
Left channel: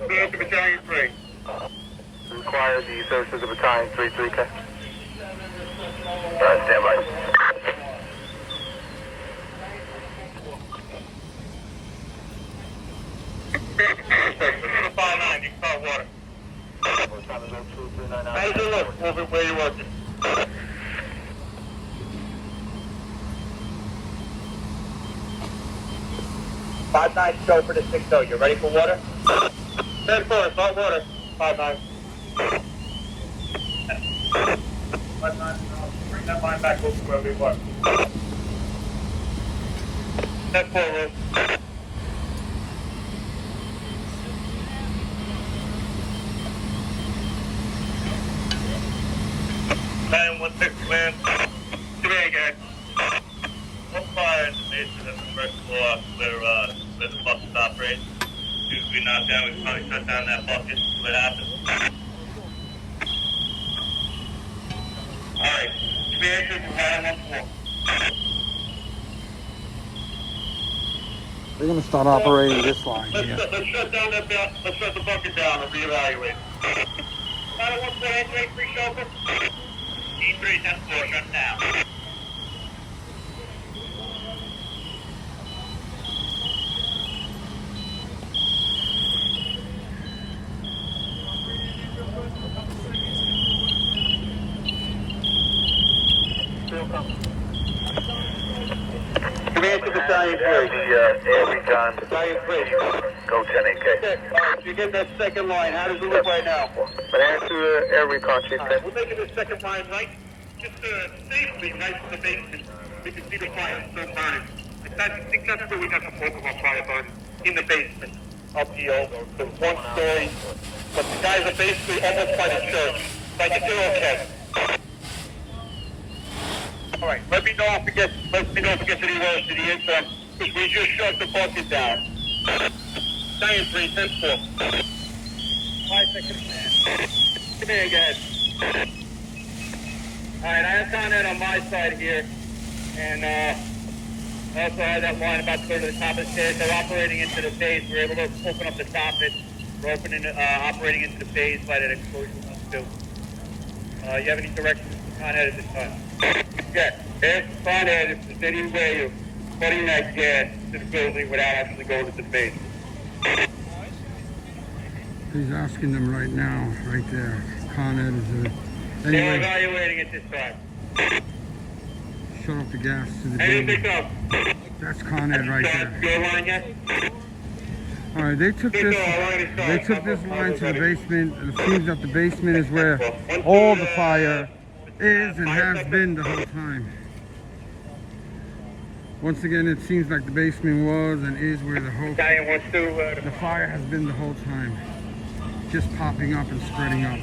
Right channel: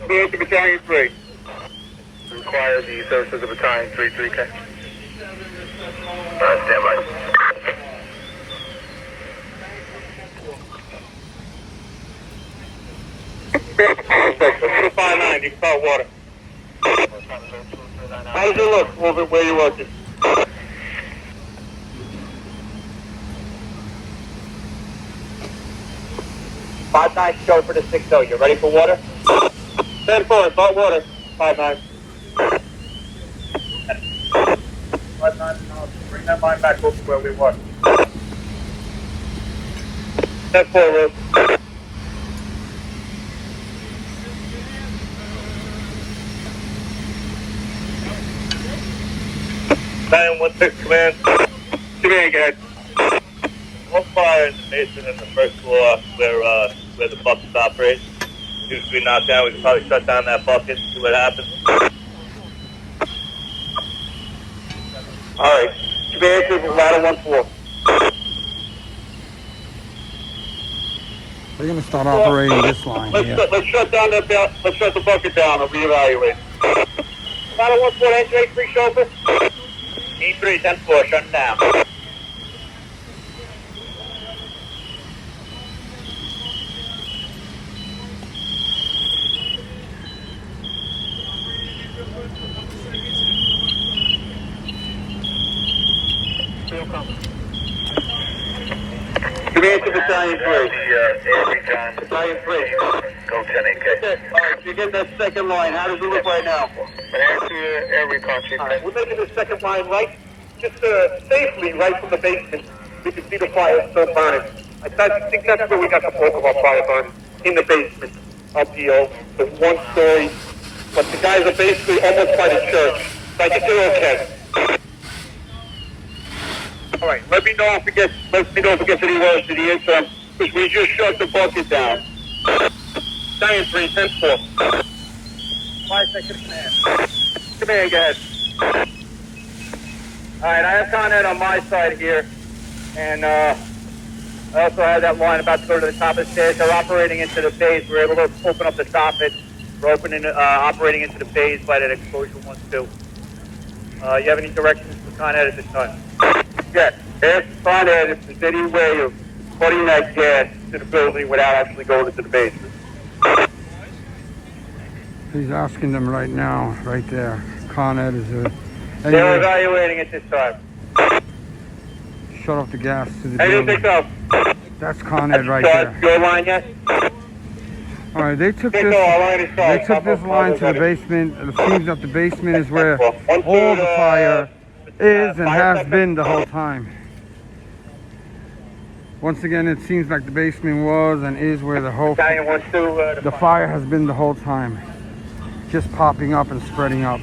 Command to Battalion 3. Require the services of Battalion 3-3K. Alright, stand by. 5-9, you can call water. How does it look over where you're working? 5-9 chauffeur to 6-0. You ready for water? 10-4, salt water. 5-9. 5-9. Bring that line back over where we were. 10-4, Luke. 916 command. Command, guys. One fire in the basement in the first floor where the buckets operate. If we knock down, we can probably shut down that bucket, see what happens. All right. Command to ladder 1-4. They're gonna start operating this line here. Let's shut down that let's shut the bucket down and reevaluate. Ladder 1-4, engine E3 shoulder. E3, 10-4, shut down. Command to battalion 3. Every time. Go 10-8K. You get that second line. How does it look right now? Answer every country. We're making the second line right, just safely right from the basement. You can see the fire still burning. I think that's where we got the bulk of our fire burning, in the basement of the 1-story. But the guys are basically almost by the church. So I think they're okay. All right. Let me know if it gets any worse to the interim, because we just shut the bucket down. Battalion 3, 10-4. 5-second command. Command, go ahead. All right, I have Con Ed on my side here, and I also have that line about to go to the top of the stairs. They're operating into the base. We're able to open up the soffit. We're operating into the base by that exposure 1-2. You have any directions for Con Ed at this time? Yes. Ask Con Ed if there's any way of putting that gas to the building without actually going into the basement. He's asking them right now, right there. Con Ed is a... They're Anyway, evaluating at this time. shut off the gas to the I didn't building. think so. That's Con Ed right there. Your line yet? All right, they took this line to the basement. It seems that the basement is where all the fire is and has been the whole time. Once again, it seems like the basement was and is where the fire has been the whole time. Just popping up and spreading up.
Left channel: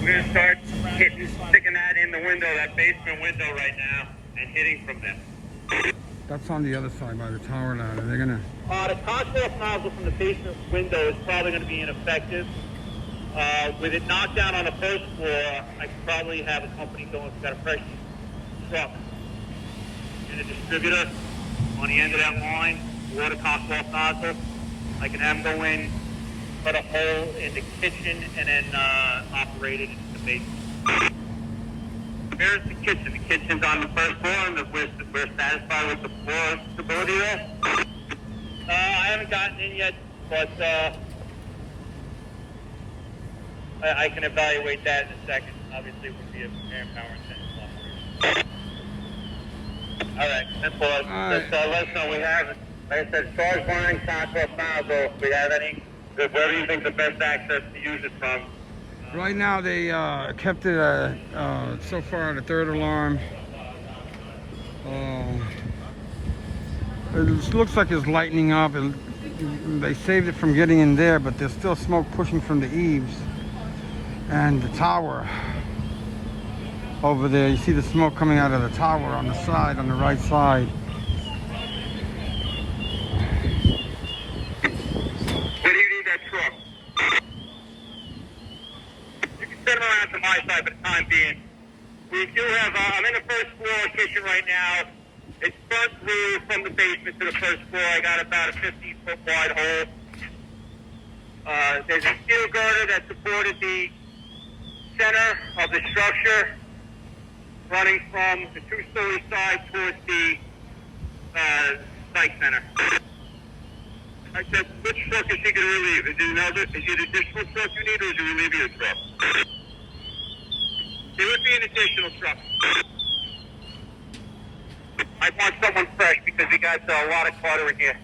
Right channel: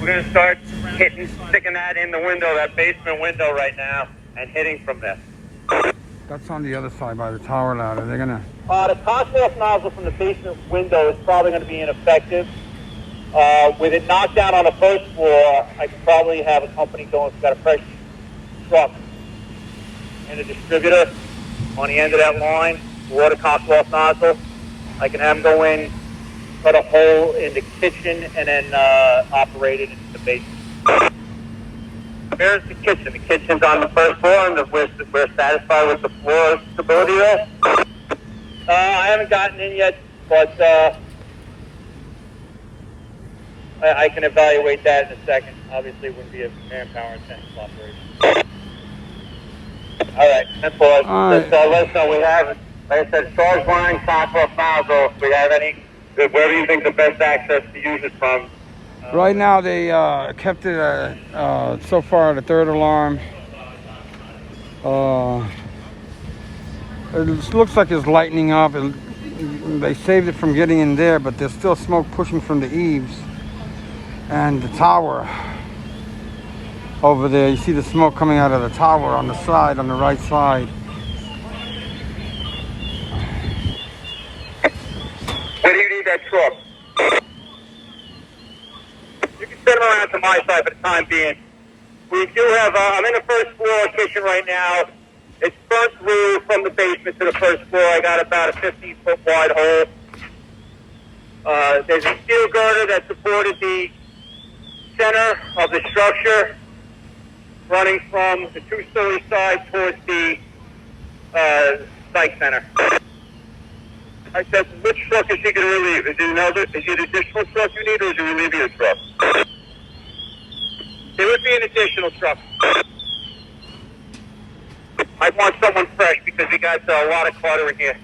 We're going to start sticking that in the window, that basement window right now, and hitting from there. That's on the other side by the tower ladder. They're gonna... The contact nozzle from the basement window is probably going to be ineffective. With it knocked down on the first floor, I could probably have a company going, got a fresh truck and a distributor on the end of that line, water cocked off nozzle. I can have them go in, cut a hole in the kitchen, and then operate it into the basement. Here's the kitchen. The kitchen's on the first floor, and we're satisfied with the floor stability there. I haven't gotten in yet, but I can evaluate that in a second. Obviously, it wouldn't be a manpower intensive operation. All right, 10-4. All right. Let us know we have, like I said, storage line, top off nozzle. If we have any, where do you think the best access to use it from? Right now, they kept it so far at the third alarm. It looks like it's lightening up. They saved it from getting in there, but there's still smoke pushing from the eaves and the tower over there. You see the smoke coming out of the tower on the side, on the right side. Where do you need that truck? You can send them around to my side for the time being. We do have, I'm in the first floor kitchen right now. It's burnt through from the basement to the first floor. I got about a 15-foot wide hole. There's a steel girder that supported the center of the structure, running from the two-story side towards the site center. I said, which truck is he going to relieve? Is it an additional truck you need, or is it relieving a truck? It would be an additional truck. I want someone fresh because we got a lot of clutter in here.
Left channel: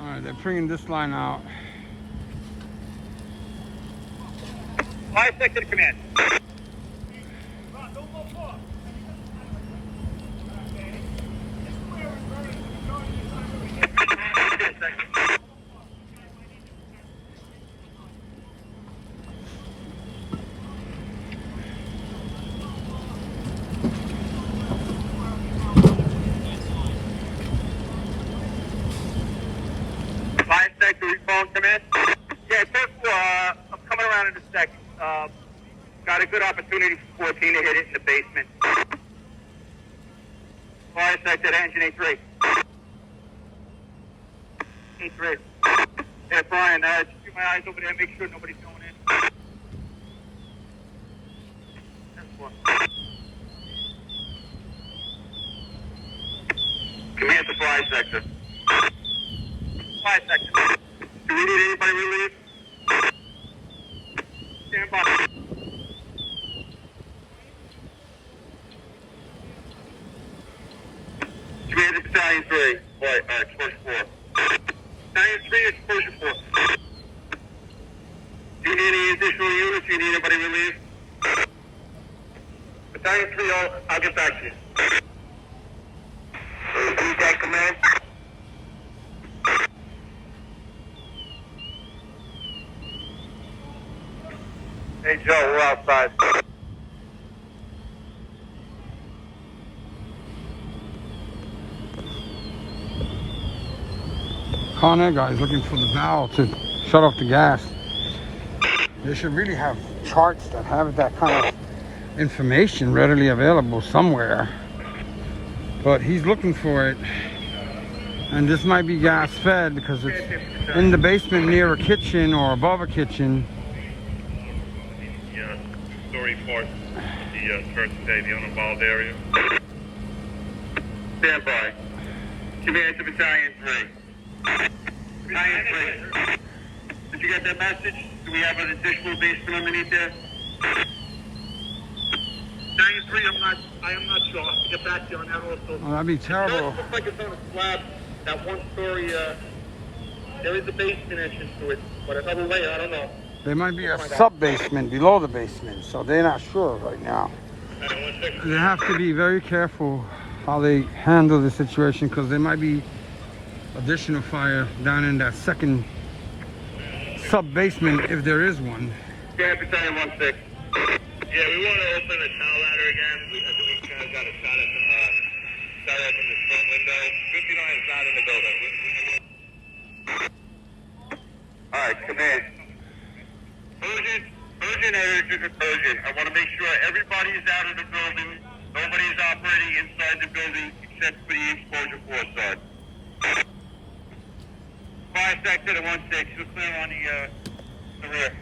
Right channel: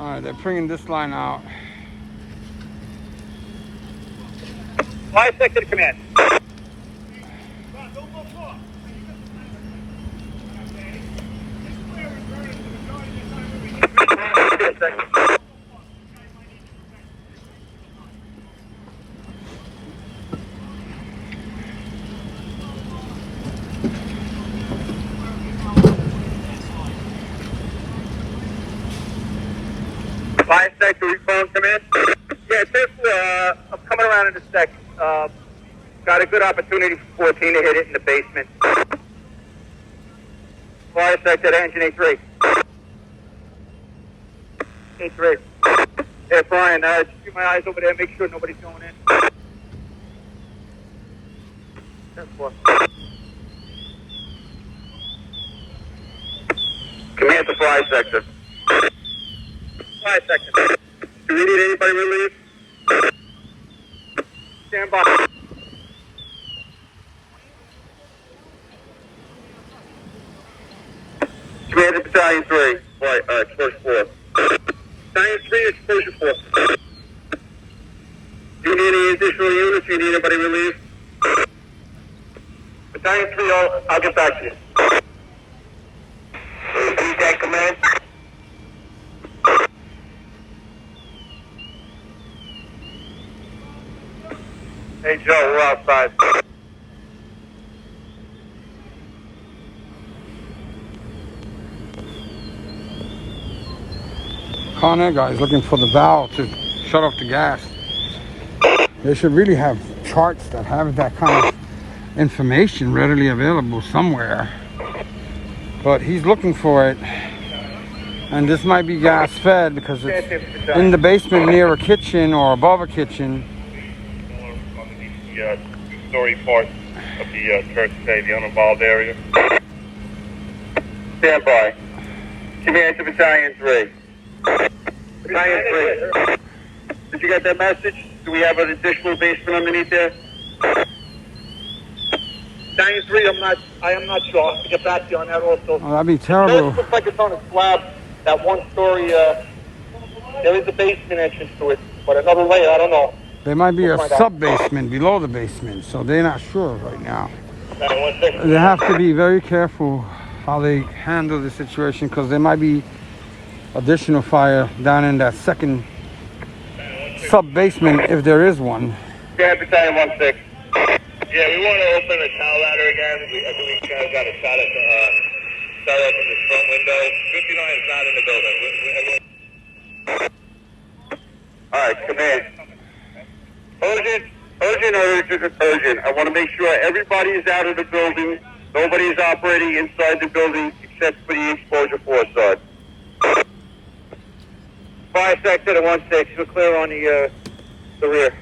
All right, they're bringing this line out. Fire sector to command. Fire sector, phone command. Yeah, first floor, I'm coming around in a second. Got a good opportunity for 14 to hit it in the basement. Fire sector to engine A3. A3. Yeah, Brian, keep my eyes over there, make sure nobody's going in. 10-4. Command to fire sector. Fire sector. Do we need anybody relieved? Stand by. Command to battalion 3. Right, first floor. Battalion 3, exposure force. Do you need any additional units? Do you need anybody relieved? Battalion 3, I'll get back to you. Repeat that command. Hey, Joe, we're outside. Con Air guy is looking for the valve to shut off the gas. They should really have charts that have that kind of information readily available somewhere. But he's looking for it. And this might be gas fed because it's in the basement near a kitchen or above a kitchen. The two-story part of the church today, the uninvolved area. Stand by. Command to battalion 3. Battalion 3. Did you get that message? Do we have an additional basement underneath there? Battalion 3, I am not sure. I'll get back to you on that also. Oh, that'd be terrible. It looks like it's on a slab, that one story, there is a basement entrance to it, but another layer, I don't know. There might be a We'll find out. sub-basement below the basement, so they're not sure right now. They have to be very careful how they handle the situation because there might be additional fire down in that second sub-basement if there is one. Yeah, battalion 16. Yeah, we want to open the tower ladder again. I think we kind of got a shot at from this front window. 59 is not in the building. All right, command. Urgent. I want to make sure everybody is out of the building. Nobody is operating inside the building except for the exposure force side. Fire sector to 16, we're clear on the rear.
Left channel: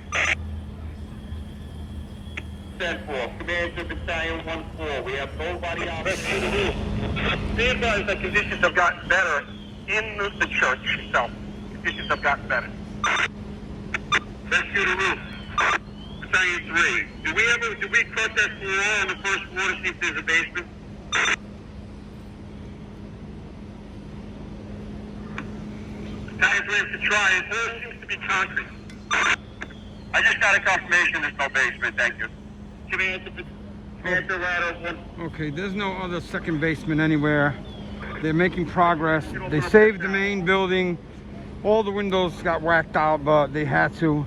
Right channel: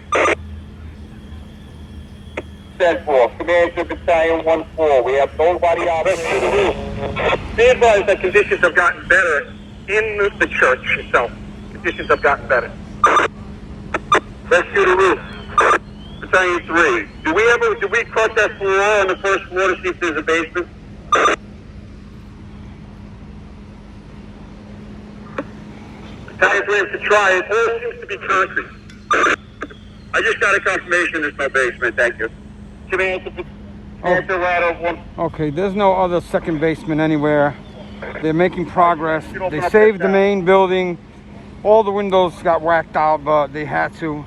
10-4. Command to battalion 1-4. We have nobody operating to the roof. Be advised that conditions have gotten better in the church itself. Conditions have gotten better. Let's do the roof. Battalion 3. Did we cut that floor on the first floor to see if there's a basement? Battalion 3 is to try. It all seems to be concrete. I just got a confirmation there's no basement. Thank you. Command to ladder 1. Okay, there's no other second basement anywhere. They're making progress. They saved the main building. All the windows got whacked out, but they had to.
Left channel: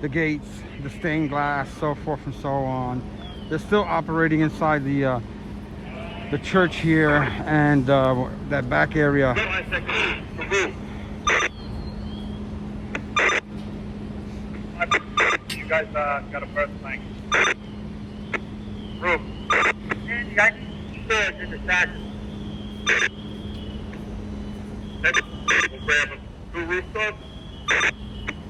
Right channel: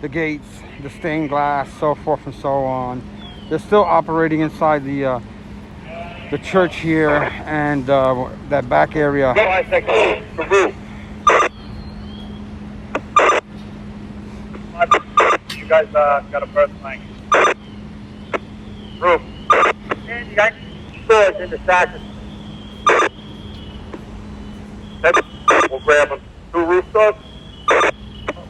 The gates, the stained glass, so forth and so on. They're still operating inside the church here and that back area. Fire sector, the roof. You guys got a burst tank. Roof. And you got stores in the sashes. We'll grab them. 2 roof doors.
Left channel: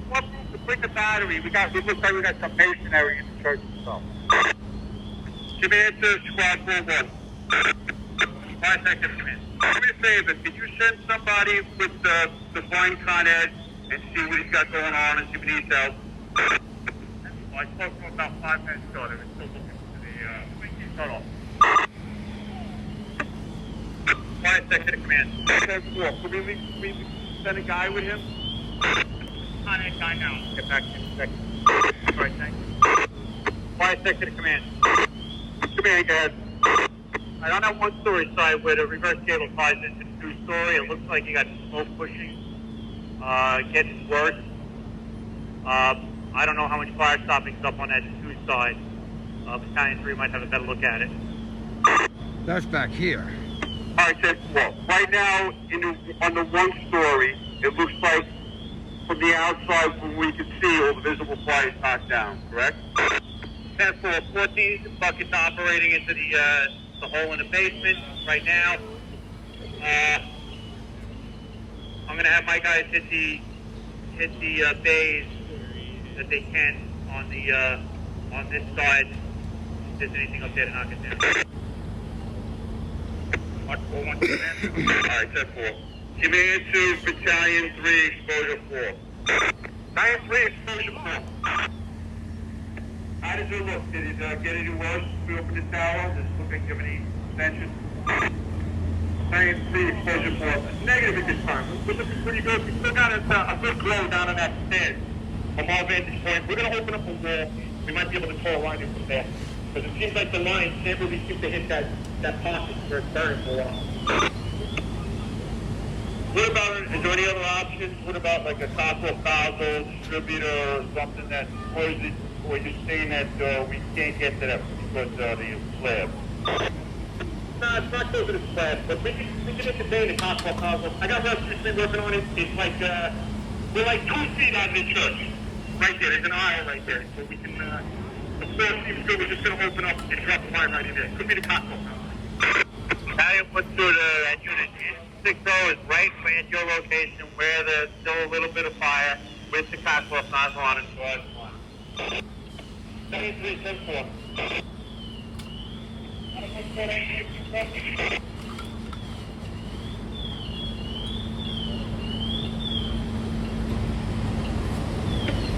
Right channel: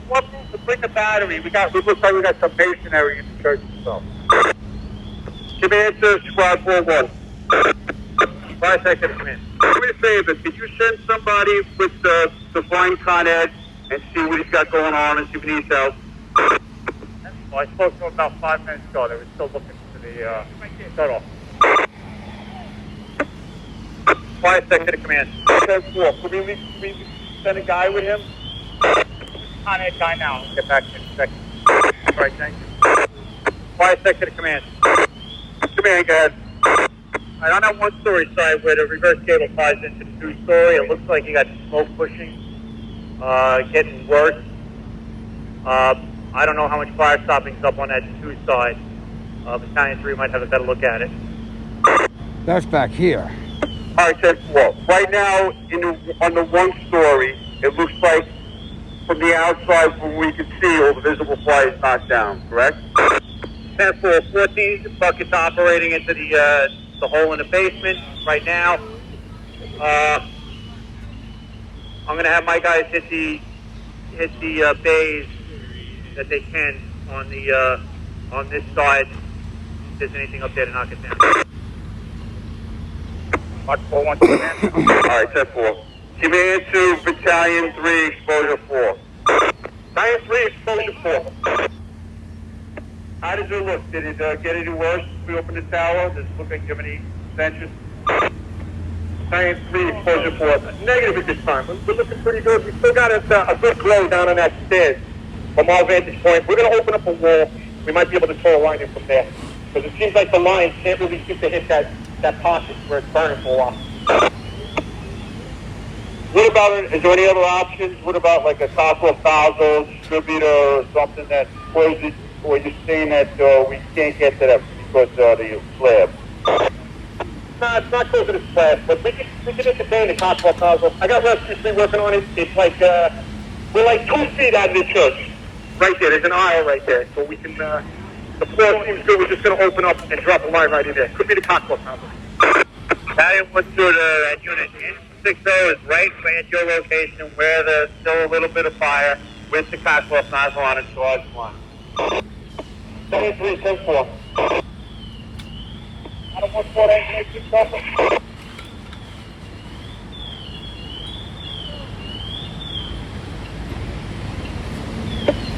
What roof to bring the battery? It looks like we got some masonry in the church itself. Command to squad 4-1. Fire sector to command. Do me a favor, could you send somebody with the flying Con Ed and see what he's got going on and see if he needs help? Well, I spoke to him about 5 minutes ago. They were still looking for the shut-off. Fire sector to command. 10-4. Can we send a guy with him? On a guy now. Get back in a second. All right, thank you. Fire section of command. Command, go ahead. All right, on that one-story side where the reverse cable ties into the two-story, it looks like you got smoke pushing, getting worse. I don't know how much fire stopping's up on that two side. Battalion 3 might have a better look at it. That's back here. All right, 10-4. Right now, on the one story, it looks like from the outside, from we can see, all the visible fire is knocked down, correct? 10-4, 14, the bucket's operating into the hole in the basement right now. I'm going to have my guys hit the bays that they can on this side. If there's anything up there to knock it down. Watch 4, 1, 2, man. All right, 10-4. Command to Battalion 3, exposure 4. Battalion 3, exposure 4. How does it look? Did it get any worse? We opened the tower. Does it look like you have any extensions? Battalion 3, exposure 4. Negative at this time. We're looking pretty good. We still got a good glow down on that stairs. From our vantage point, we're going to open up a wall. We might be able to throw a line in from there. Because it seems like the line can't really seem to hit that pocket where it's burning for a while. What about, is there any other options? What about like a copper foul distributor or something that closes, or you're saying that we can't get to that because of the slab? No, it's not close to the slab, but we can entertain the copper foul. I got Rescue working on it. It's like, we're like 2 feet out of the church. Right there, there's an aisle right there, so we can, the floor seems good, we're just going to open up and drop a line right in there. Could be the cocktail tower. Battalion 1 through that unit. 60 is right at your location where there's still a little bit of fire with the cocktail nozzle on it, so it's one. Battalion 3, 10-4. Out of 1-4, engine 8, copper.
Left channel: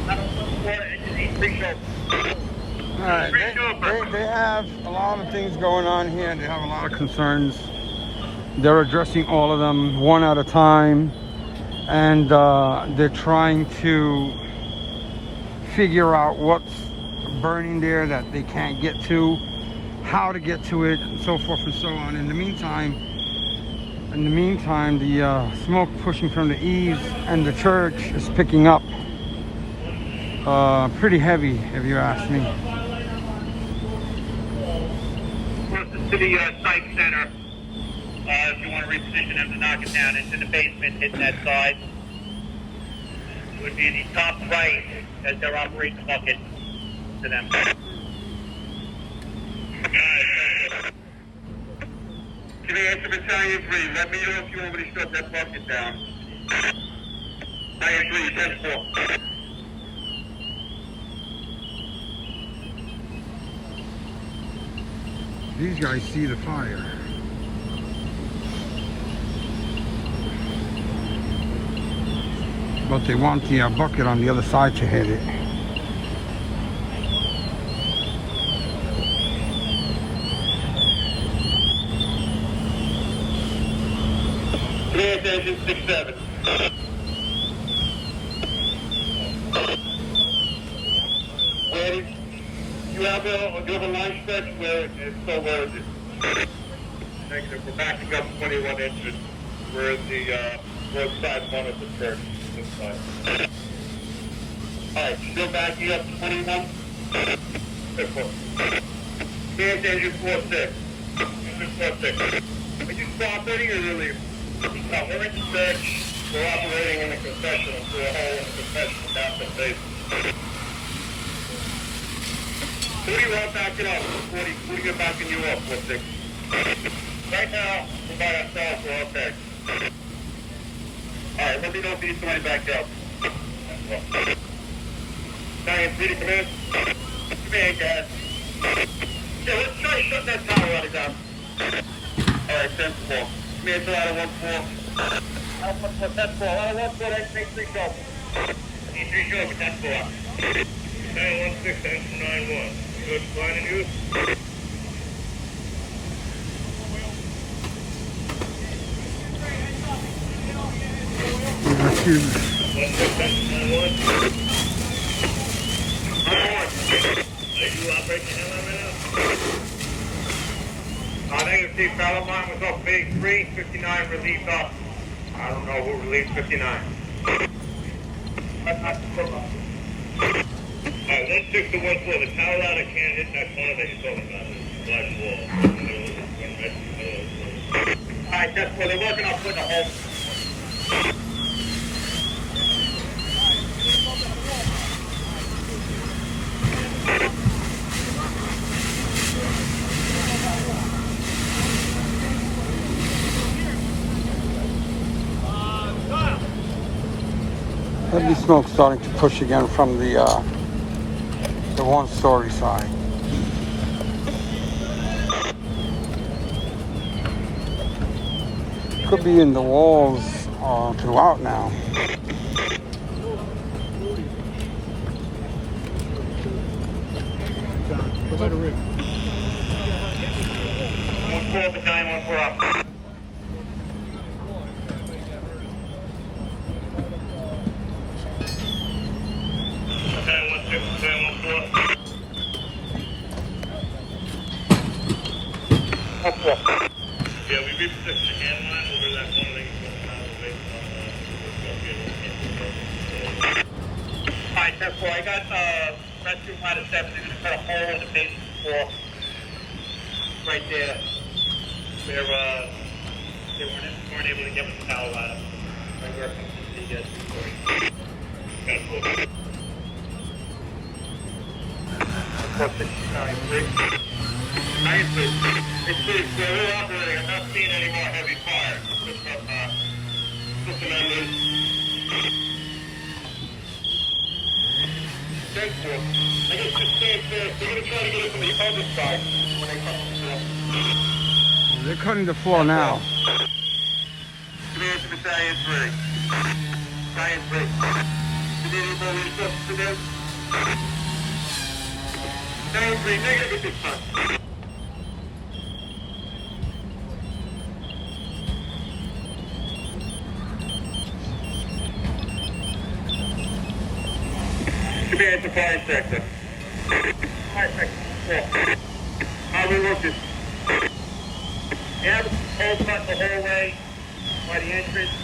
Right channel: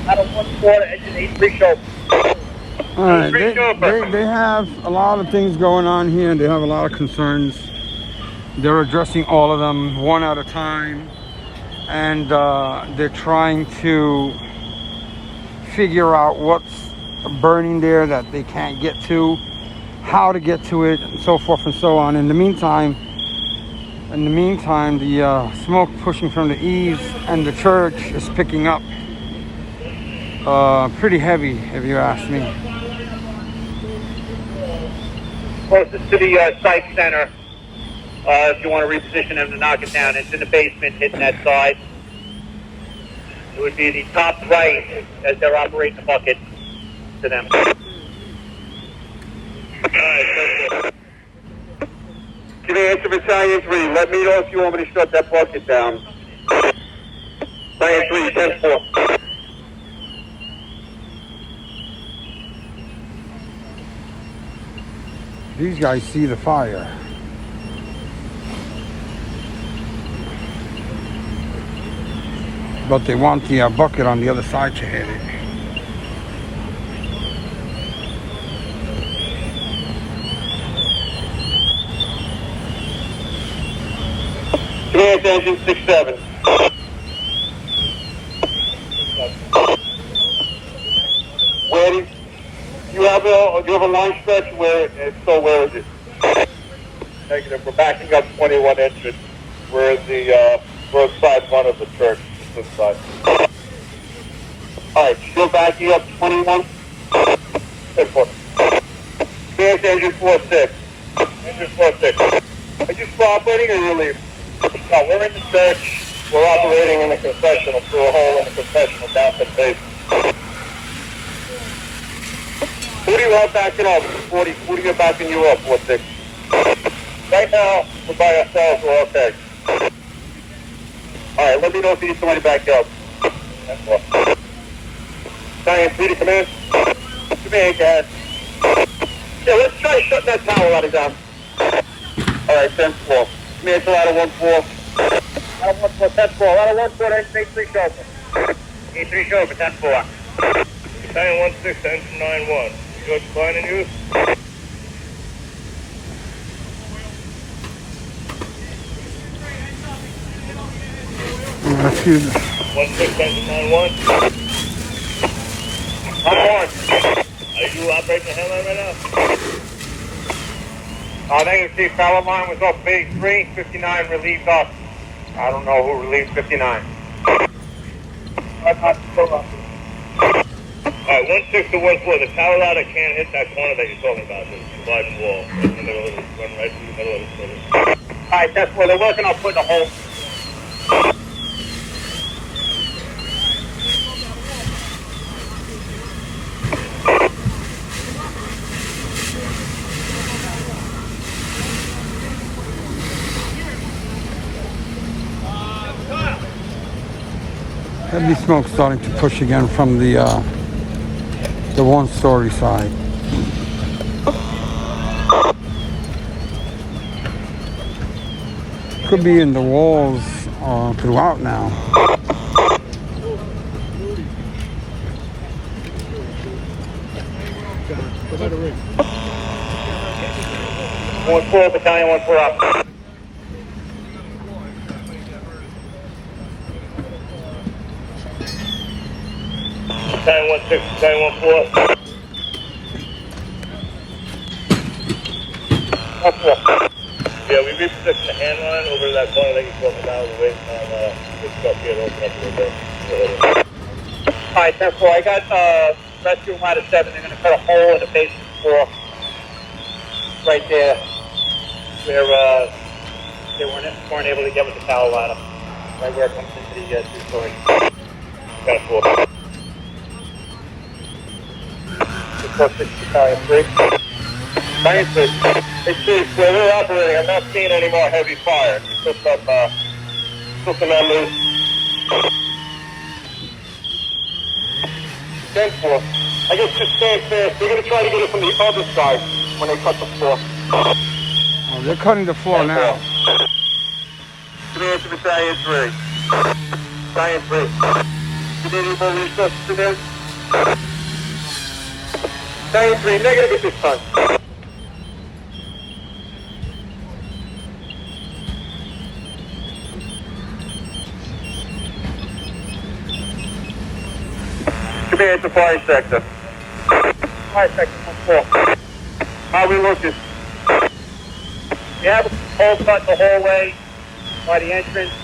Out of 1-4, engine 8, reach over. All right, they have a lot of things going on here. They have a lot of concerns. They're addressing all of them one at a time, and they're trying to figure out what's burning there that they can't get to, how to get to it, and so forth and so on. In the meantime, the smoke pushing from the eaves and the church is picking up pretty heavy, if you ask me. Closest to the site center, if you want to reposition them to knock it down, it's in the basement hitting that side. It would be the top right as they're operating the bucket to them. Command to Battalion 3, let me know if you want me to shut that bucket down. Battalion 3, 10-4. These guys see the fire. But they want the bucket on the other side to hit it. Command engine 6-7. Where do you have a line stretch where, so where is it? Negative, we're backing up 21 inches. We're inside one of the church, this side. Alright, still backing up 21? Good for Here's engine 4-6. Engine 4-6. Are you still operating or you leave? No, we're in the church. We're operating in the confessional, through a hole in the confessional down to the basement. Who do you have backing up? Who do you have backing you up, 4-6? Right now, we're by ourselves, we're okay. Alright, let me know if you need somebody back up. Battalion 3 to command. Command, guys. Yeah, let's try shutting that tower out of down. Alright, 10-4. Command to out of 1-4. Out of 1-4, 10-4. Out of 1-4, engine 8-3 show. 8-3 show for 10-4. Battalion 1-6, engine 9-1. Good, fine in use? Excuse me. 1691. I'm on. Are you operating the headline right now? Negative C, fellow line was off base 3, 59 relieved off. I don't know who relieved 59. Alright, 16 to 14. The tower ladder can't hit that corner that you're talking about. It's a large wall. Run right through the middle of the building. Alright, that's where they're working on putting a hole. Heavy smoke starting to push again from the one-story side. Could be in the walls throughout now. 1-4, battalion 1-4 up. Battalion 16, battalion 14. 1-4. Yeah, we repositioned the hand line over to that corner that you're talking about. We're waiting on this truck here to open up a little bit. Alright, 10-4, I got rescue ladder 7. They're going to cut a hole in the basement floor. Right there. Where they weren't able to get with the tower ladder. Right where it comes into the two-story. 10-4. 4-6, 3. Hey, Chief, where we're operating, I'm not seeing any more heavy fire. You took some members. 10-4. I guess just stand fast. They're going to try to get it from the other side when they cut the floor. Oh, they're cutting the floor now. Command to Battalion 3. Battalion 3. Canadian Bull Resources to them. Battalion 3, negative at this time. Command to fire sector. Fire section 1-4. How we looking? We have a hole cut in the hallway by the entrance.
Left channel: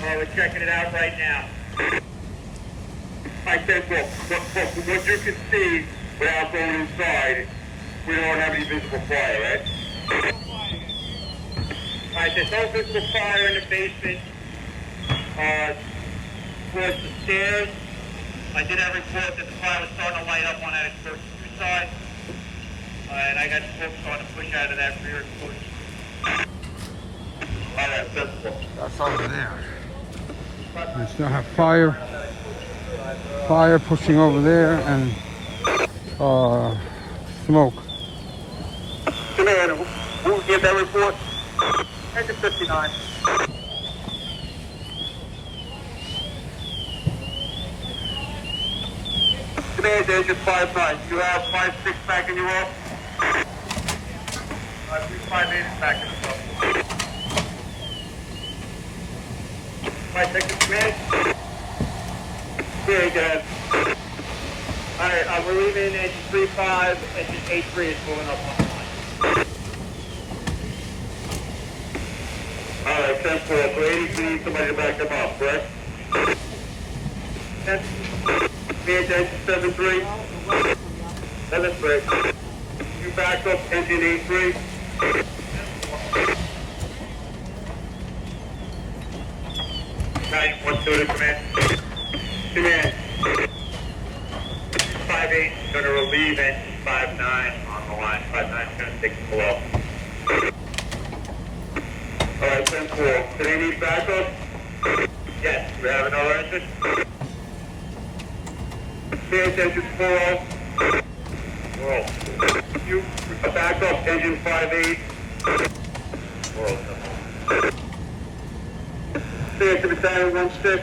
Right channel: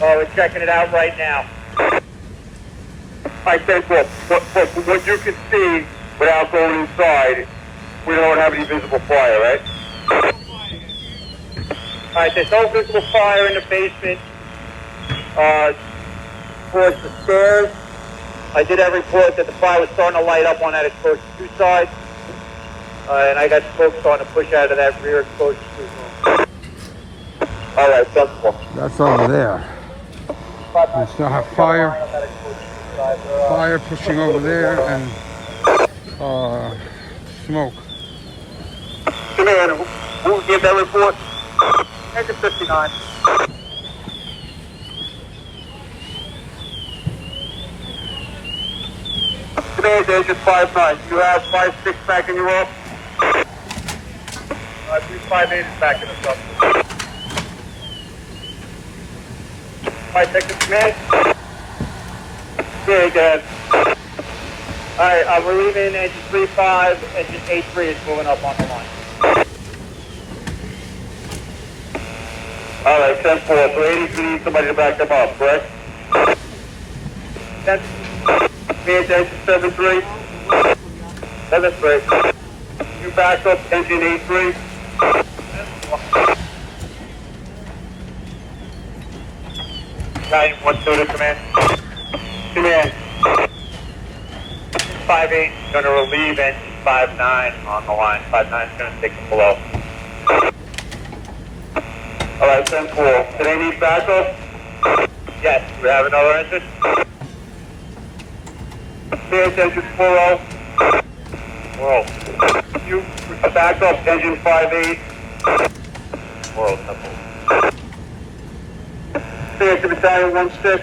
We're checking it out right now. I said, well, what you can see without going inside, we don't have any visible fire, right? Alright, there's no visible fire in the basement. Towards the stairs. I did have a report that the fire was starting to light up on that exposed 2 side. And I got smoke starting to push out of that rear exposed 2 room. Alright, sensible. That's over there. We still have fire pushing over there, and smoke. Command, who gave that report? Engine 59. Command, Engine 59. You have 5-6 back in your off? 5-8 is back in the sub. 5-6 command. Very good. Alright, we're leaving engine 3-5, engine 8-3 is moving up on the line. Alright, 10-4. So 80, we need somebody to back them up, correct? 10, Command, Engine 7-3. 7-3. You back up engine 8-3. Battalion 1-2 to command. Command. 5-8 is going to relieve engine 5-9 on the line. 5-9 is going to take it below. Alright, 10-4. Do they need backup? Yes, we have another engine. Command, Engine 4-0. World. You back up engine 5-8. World. Command to Battalion 1-6.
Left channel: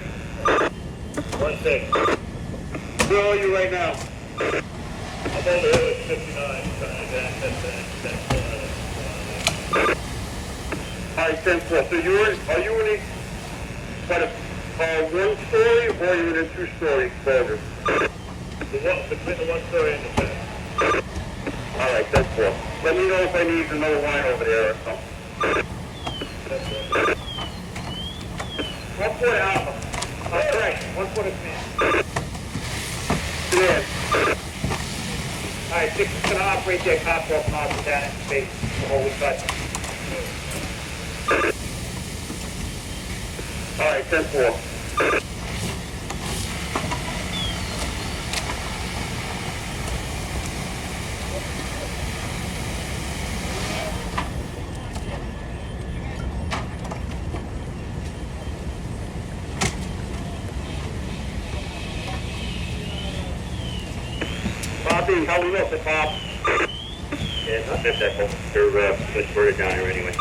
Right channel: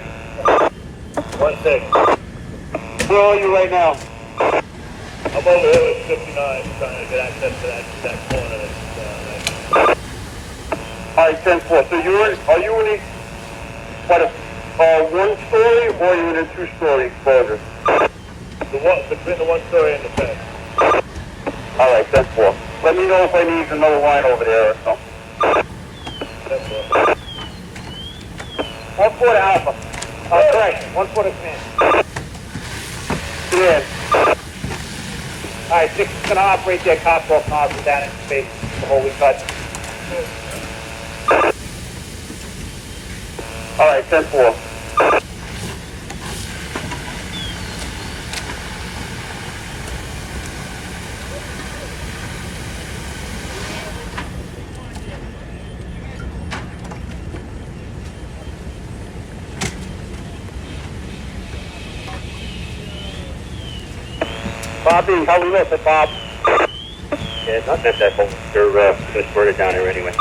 1-6. Where are you right now? I'm over here with 59, trying to get access to that corner. Alright, 10-4. So are you in what 1 story or even a 2-story exposure? Between the 1 story and the fence. All right, 10-4. Let me know if I need another line over there or something. 1 foot alpha. Correct. 1 foot of command. Command. All right, 6 is going to operate their Coswell nozzle down in space before we cut. All right, 10-4. Bobby, how we looking, Bob? Yeah, not that whole. They're gonna squirt it down here anyway.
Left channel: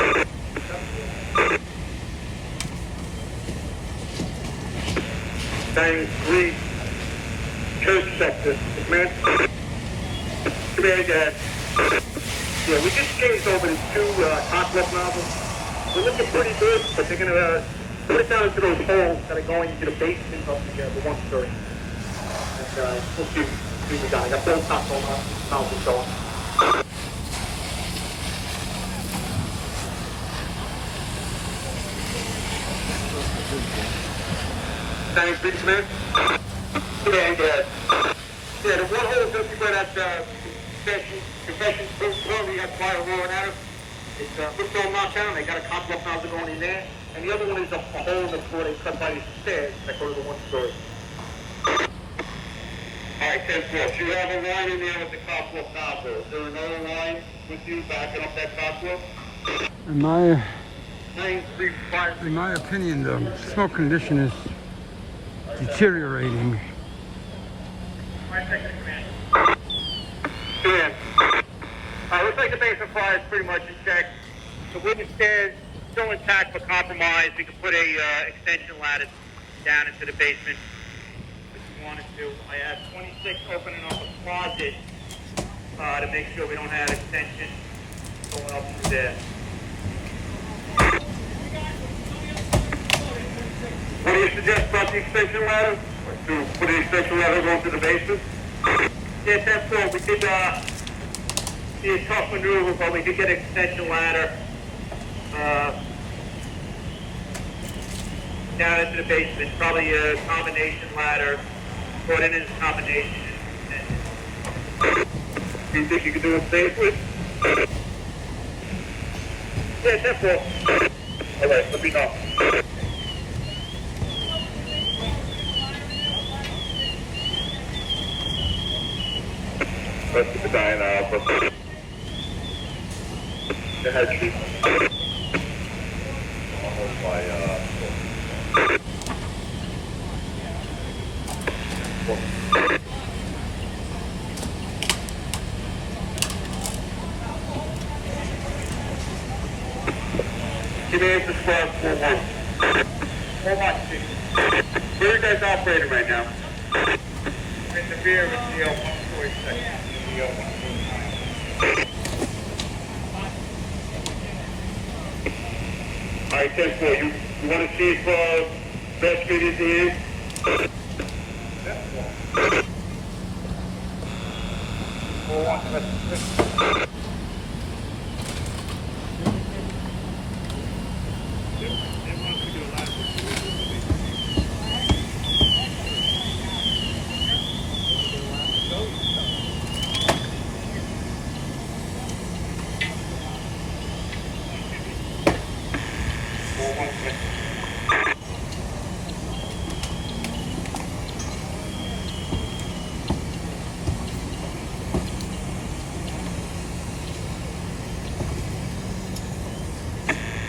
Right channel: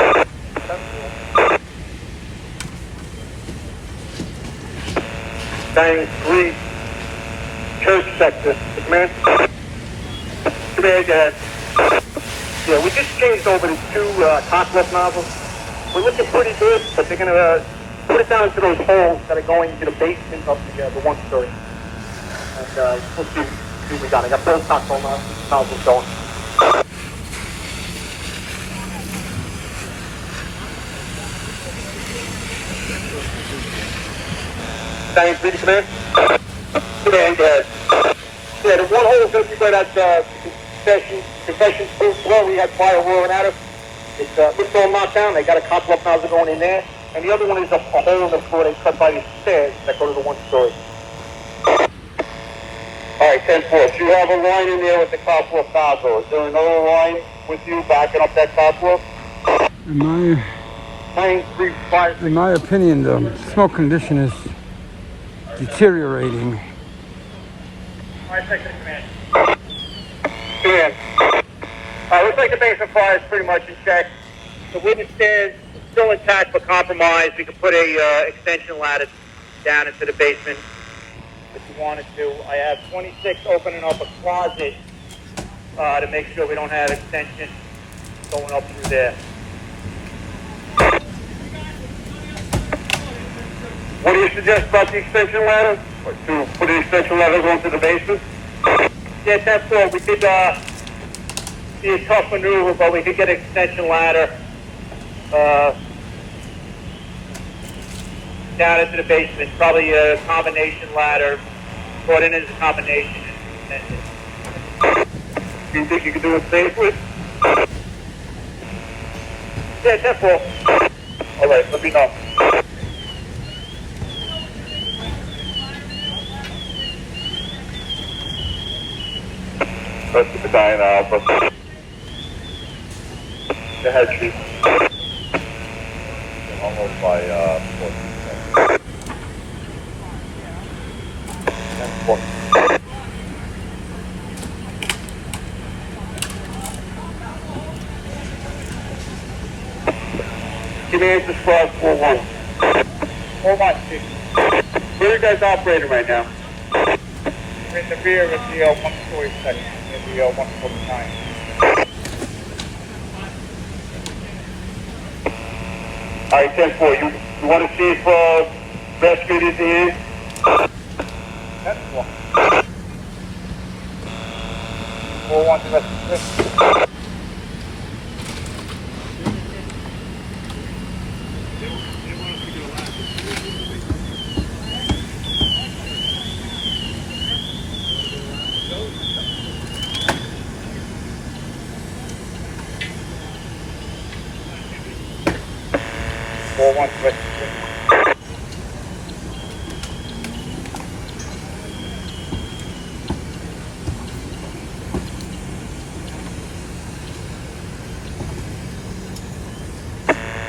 Bang 3, church sector. Command. Command, go ahead. Yeah, we just changed over to 2 Coswell nozzles. We're looking pretty good, but they're going to put it down into those holes that are going into the basement of the 1 story. And we'll see what we got. I got both Coswell nozzles going. Bang 3 to command. Command, go ahead. Yeah, the 1 hole is going to be where that concession floor we had fire roaring at us. It's all knocked down. They got a Coswell nozzle going in there. And the other one is a hole in the floor they cut by these stairs that go to the 1 story. All right, 10-4. So you have a line in there with the Coswell nozzle. Is there another line with you backing up that Coswell? In my opinion, the smoke condition is deteriorating. All right, second command. Command. Looks like the basement fire is pretty much in check. The wooden stairs still intact but compromised. We could put a extension ladder down into the basement if you wanted to. I have 26 opening up a closet to make sure we don't have extension going up through there. What do you suggest about the extension ladder? Or to put the extension ladder going to the basement? Yeah, 10-4. We did be a tough maneuver, but we did get an extension ladder down into the basement. Probably a combination ladder. Put in as a combination. Do you think you can do it safely? Yeah, 10-4. All right, let me know. Let's keep the dying alpha. Go ahead, Chief. Almost by 4. Command to squad 4-1. 4-1, Chief. Where are you guys operating right now? We're in the rear of the 1-story section, in the 149. All right, 10-4. You want to see if rescue is in? 10-4. 4-1 to rescue.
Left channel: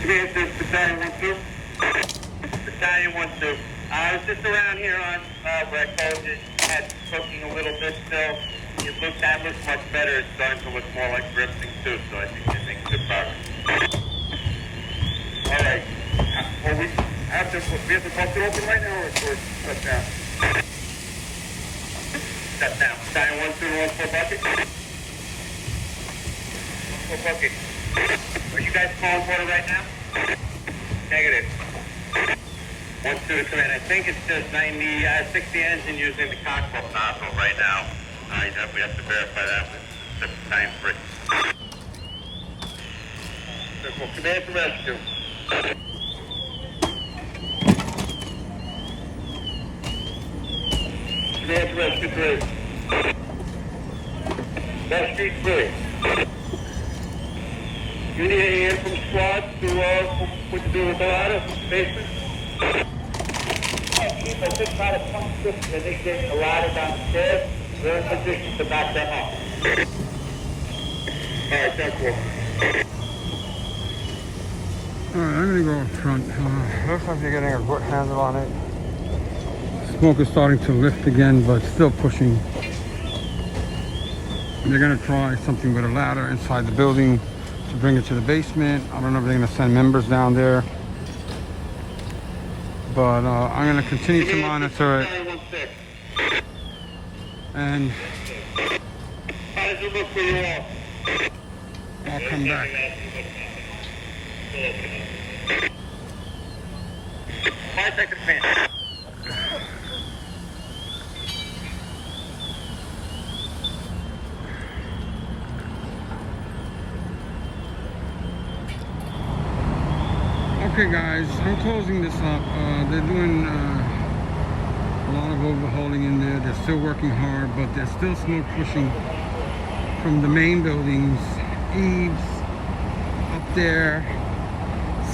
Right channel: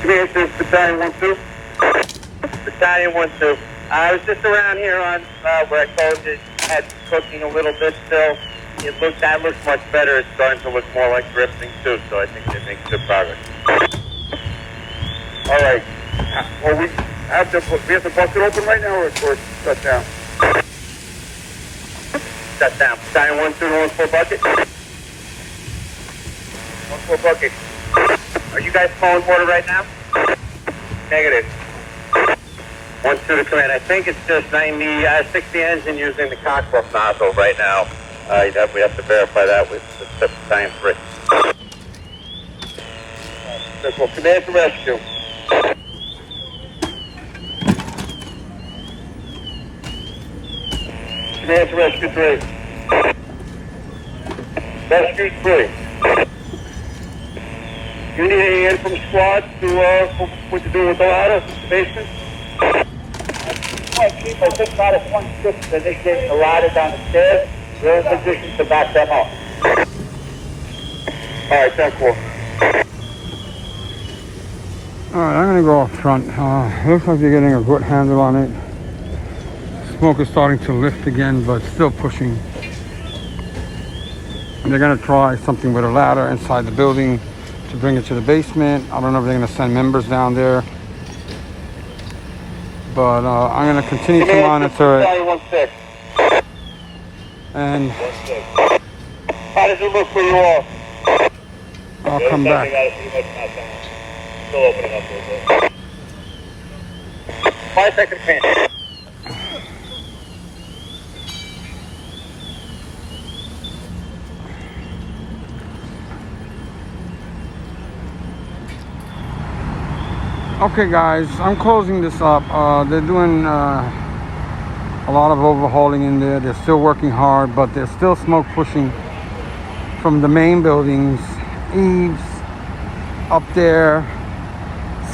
Command to Battalion 1-2. Battalion 1-2. I was just around here on where I told you had cooking a little bit still. That looks much better. It's starting to look more like drifting too, so I think you're making good progress. All right. Well, we have the bucket open right now, or shut down? Shut down. Battalion 1-2, 1-4 bucket. 1-4 bucket. Are you guys flowing water right now? Negative. 1-2 to command. I think it's just 60 engine using the cockpit nozzle right now. We have to verify that with the time 3. Command to rescue. Command to rescue 3. Rescue 3. You need any in from squad to what to do with the ladder, basement? Chief, I think about it 1-6 as they get the ladder down the stairs. We're in position to back them up. All right, 10-4. All right, I'm gonna go up front. Looks like they're getting a good handle on it. Smoke is starting to lift again, but still pushing. They're gonna try something with a ladder inside the building to bring it to the basement. I don't know if they're gonna send members down there, but I'm gonna continue to monitor it. And how does it look for you all? I'll come back. Still opening up a little bit. 5 seconds pin. Okay guys, I'm closing this up. They're doing a lot of overhauling in there. They're still working hard, but there's still smoke pushing from the main buildings, eaves up there.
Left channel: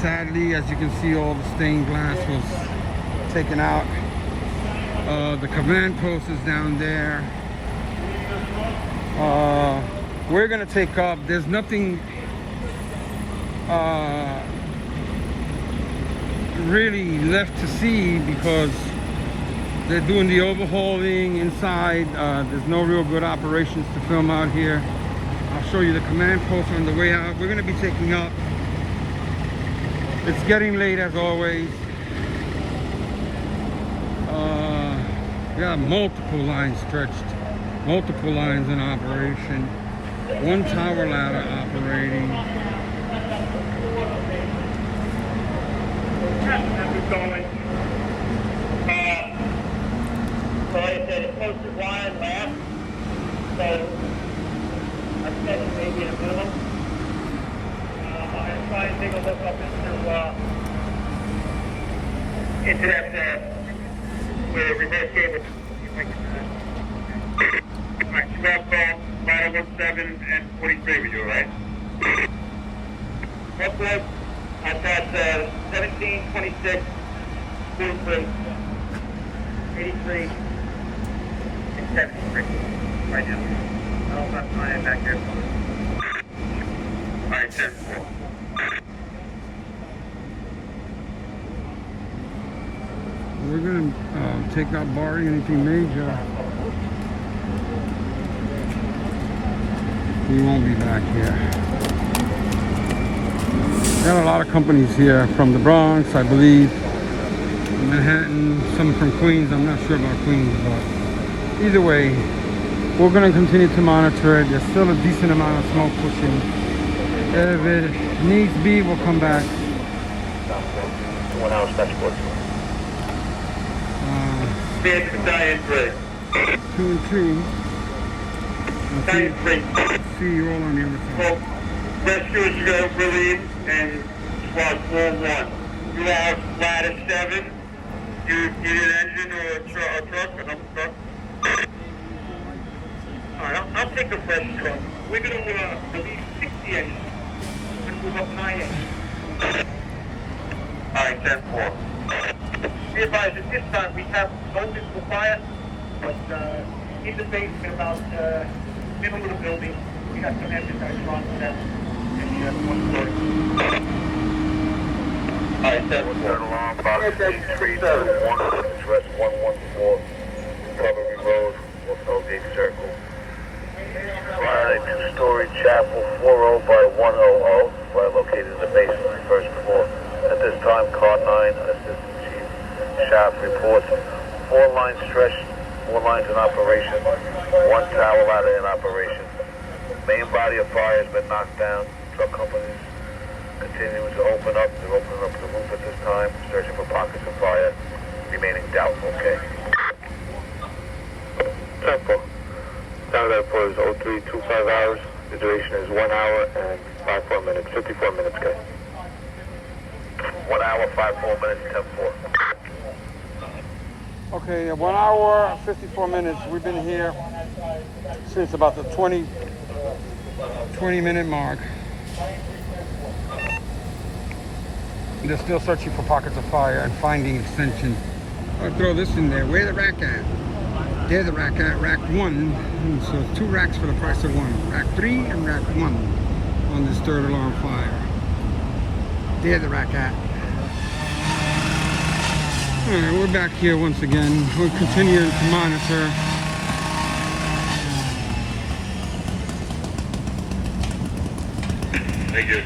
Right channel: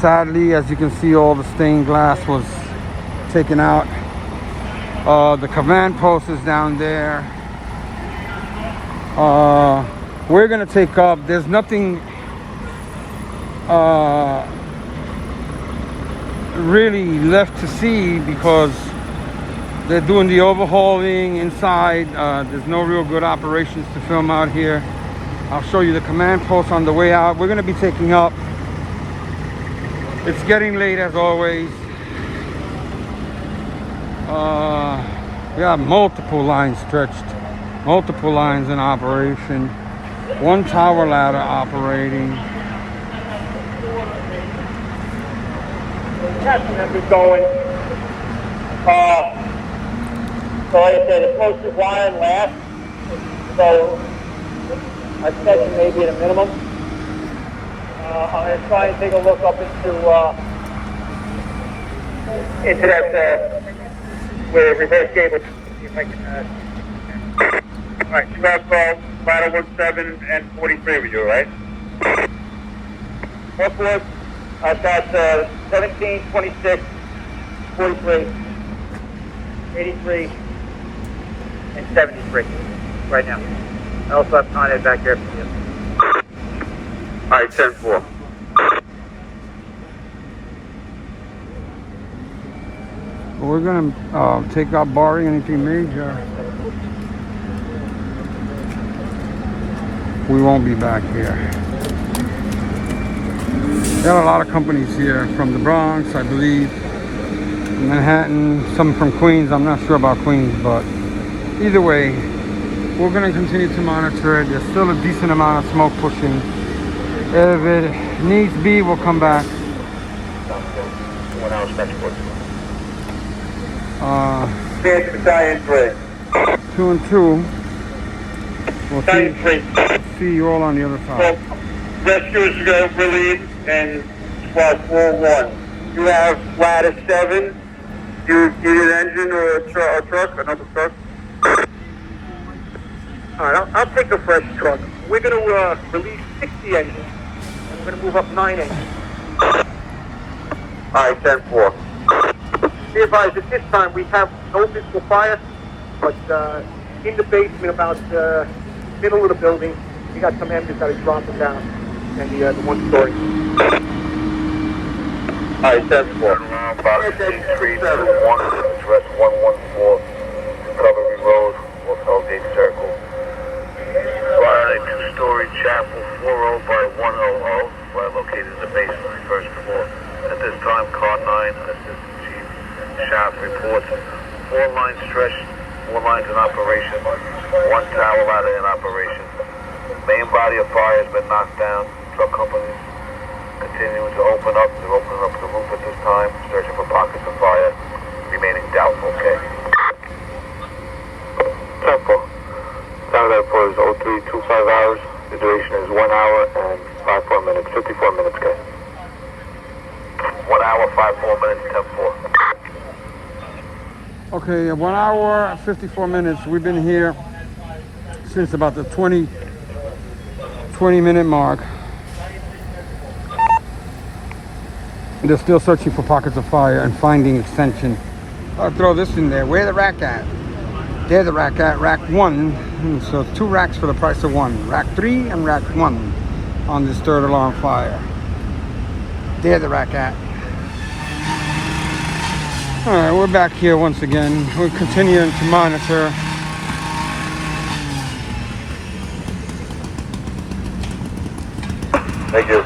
Sadly, as you can see, all the stained glass was taken out. The command post is down there. We're gonna take up. There's nothing really left to see because they're doing the overhauling inside. There's no real good operations to film out here. I'll show you the command post on the way out. We're gonna be taking up. It's getting late as always. We have multiple lines stretched, multiple lines in operation, one tower ladder operating. Testing as we're going. So like I said, the post is wired last. So I expect maybe at a minimum. I'm going to try and take a look up into that where reverse cable. All right, you have ladder 17 and 43 we do, right? Upward, I've got 17, 26, 43, 83, and 73 right now. I also have Con Ed back there. All right, 10-4. We're gonna take out barring anything major. We won't be back here. There are a lot of companies here from the Bronx, I believe, Manhattan, some from Queens. I'm not sure about Queens, but either way, we're going to continue to monitor it. There's still a decent amount of smoke pushing. If it needs be, we'll come back. 1 hour special force. Battalion 3. 2 and 2. We'll Battalion 3. see you all on the other side. Rescuers are going to relieve and squad 4-1. You have ladder 7. You need an engine or a truck, another truck. All right, I'll take the fresh truck. We're going to release 60 engines. We're going to move up 9 engines. All right, 10-4. Be advised, at this time we have no visible fire, but in the basement about middle of the building, we got some engines that are dropping down, and the one story. All right, 10-4. Box 321, address 114, Recovery Road, Hotel Gate Circle. Fire a 2-story chapel, 40 by 100. Fire located in the basement, first floor. At this time, Car 9, Assistant Chief Shaft reports 4 lines stretched, 4 lines in operation, 1 tower ladder in operation. Main body of fire has been knocked down. Truck companies continuing to open up. They're opening up the roof at this time, searching for pockets of fire, remaining doubtful, okay? Tempo. Time that report is 0325 hours. The duration is 1 hour and 54 minutes. 54 minutes, okay? 1 hour, 54 minutes, 10-4. Okay, 1 hour, 54 minutes. We've been here since about the 20 minute mark. They're still searching for pockets of fire and finding extension. I'll throw this in there. Where the rack at? There the rack at, rack 1. So 2 racks for the price of 1. Rack 3 and rack 1 on this third alarm fire. There the rack at. All right, we're back here once again. We're continuing to monitor. Thank you.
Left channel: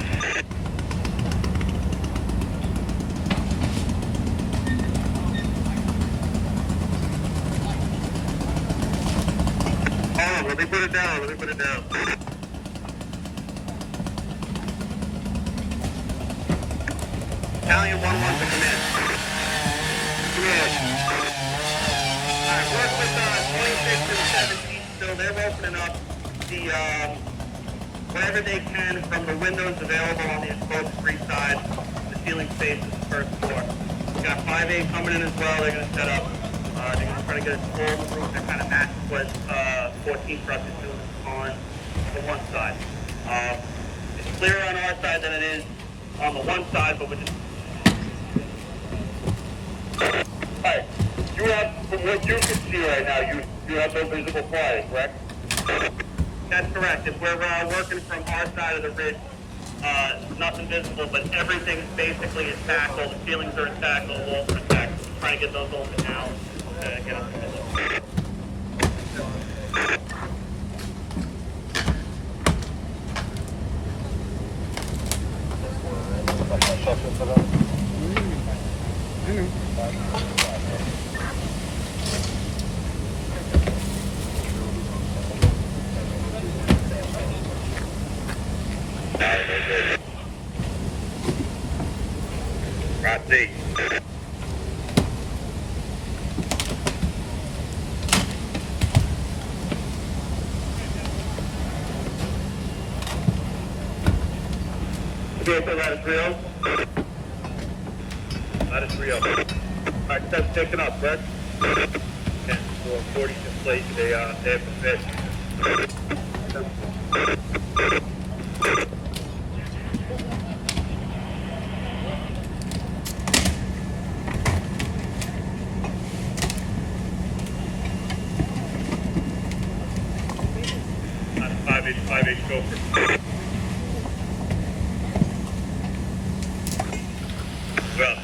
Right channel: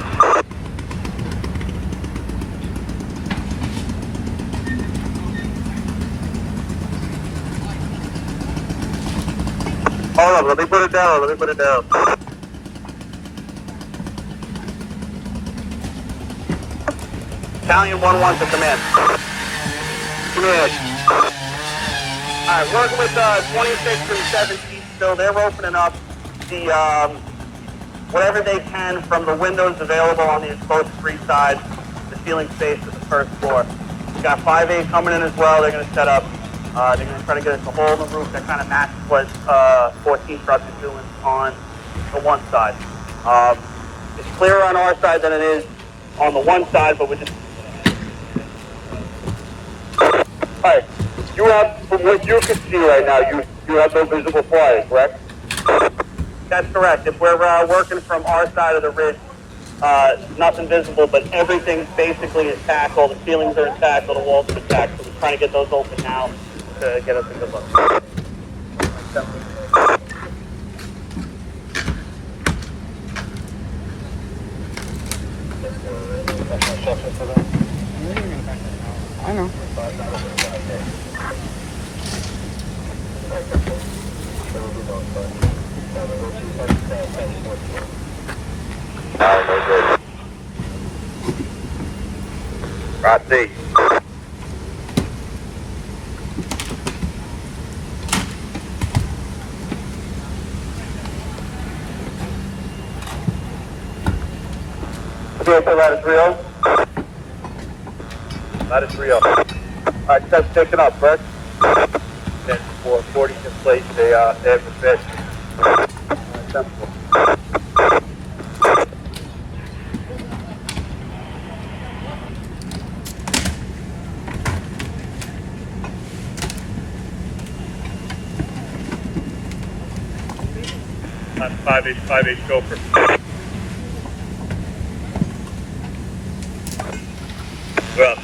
Hold on, let me put it down, Italian 1-1 to command. Command. Alright, work with 26 and 17 still. They're opening up the, whatever they can from the windows available on the exposed free side, the ceiling space of the first floor. We got 5-8 coming in as well. They're going to set up. They're going to try to get us a hole in the roof that kind of matches what 14 trucks is doing on the one side. It's clearer on our side than it is on the one side, but we're just... Alright, you have, from what you can see right now, you have no visible fires, correct? That's correct. If we're working from our side of the ridge, nothing visible, but everything basically is intact. All the ceilings are intact, all the walls are intact. So we're trying to get those open now to get us in the boat. I know. Right there. Okay, so ladder 3-0. Ladder 3-0. Alright, that's picking up, correct? 40 in place, they have the fish. That's 5-8 Gopher. Well.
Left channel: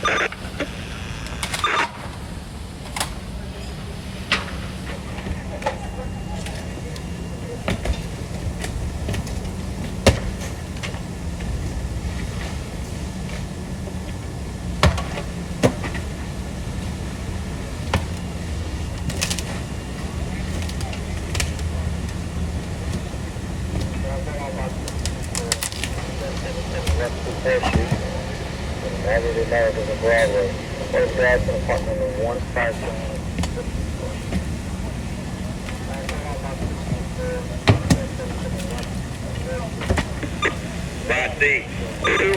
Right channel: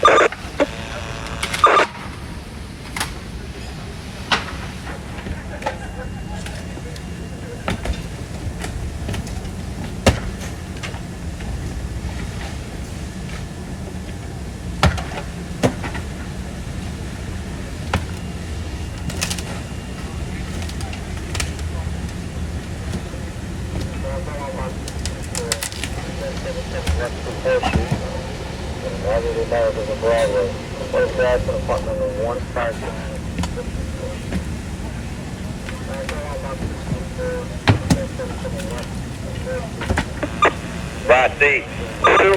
Right D. 2.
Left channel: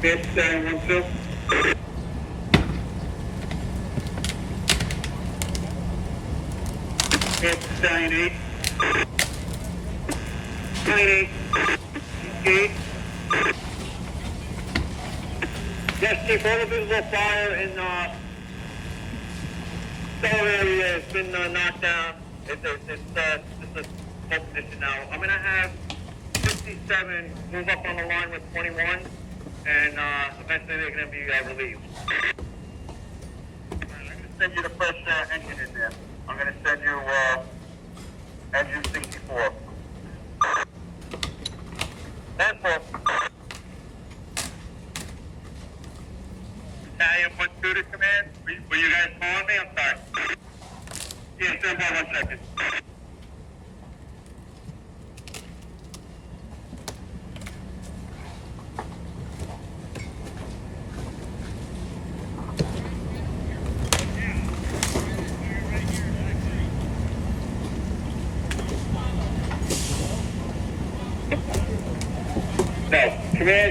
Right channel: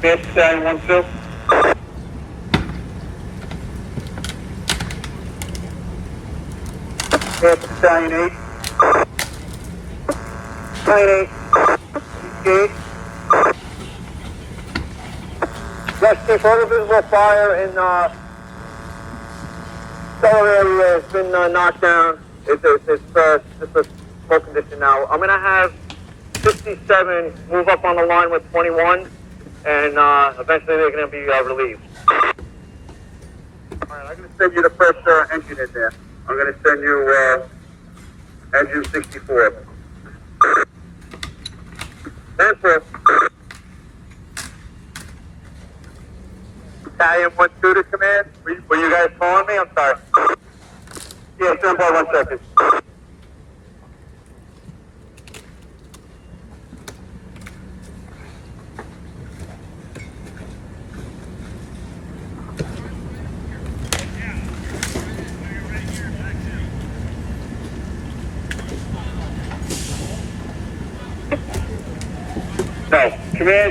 Fifth, Stallion 1-2. Fifth, Stallion 8. Stallion 8. Yes, Chief, all the visible fire in cellar area has been knocked down. It's just a full condition now. I'm going to have 67 move up on the line with 21, and eventually they're going to be relieved. Alright, I'm going to send you the first engine in there. I'm going to send you engine 64. Answer. Italian 1-2 to command. Were you guys calling me? I'm sorry. Yeah, stand by 1 second.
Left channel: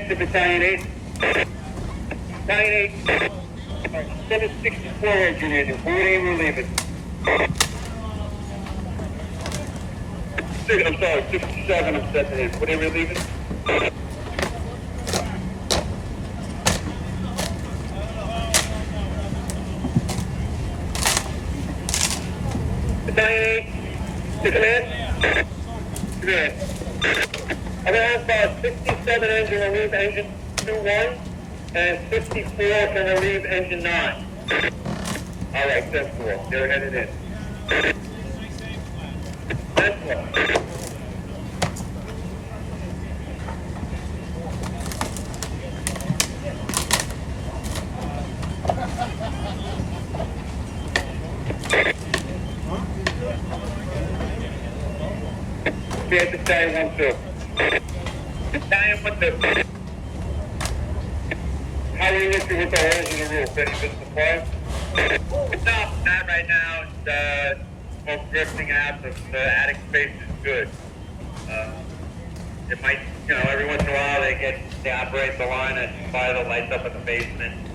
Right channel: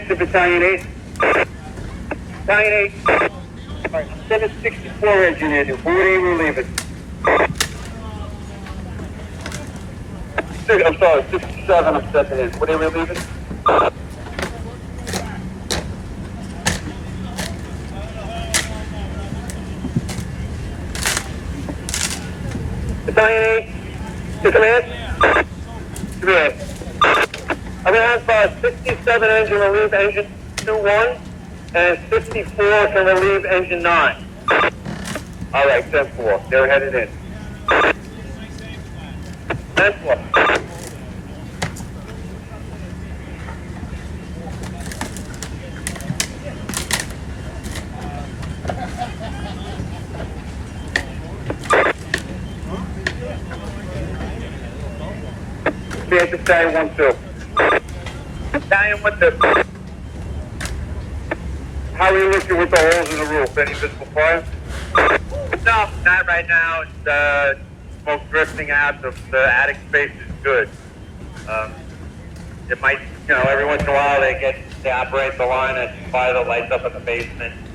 to Battalion 8. Battalion 8. 764 engineer. Who are you relieving? I'm sorry, 67, I'm stepping in. What are you relieving? Battalion 8, to command? Command. I'm going to have 67 engine relieve engine 2-1 and 54 to relieve engine 9. All right, 10-4. They're headed in. 10-4. Battalion 1-2. Battalion 1-2. How are you looking with the holes in the roof? Any visible fire? No, not right now. It's smoke drifting out. The attic space is good. It might, every once in a while they operate the line and fire the lights up in the basement.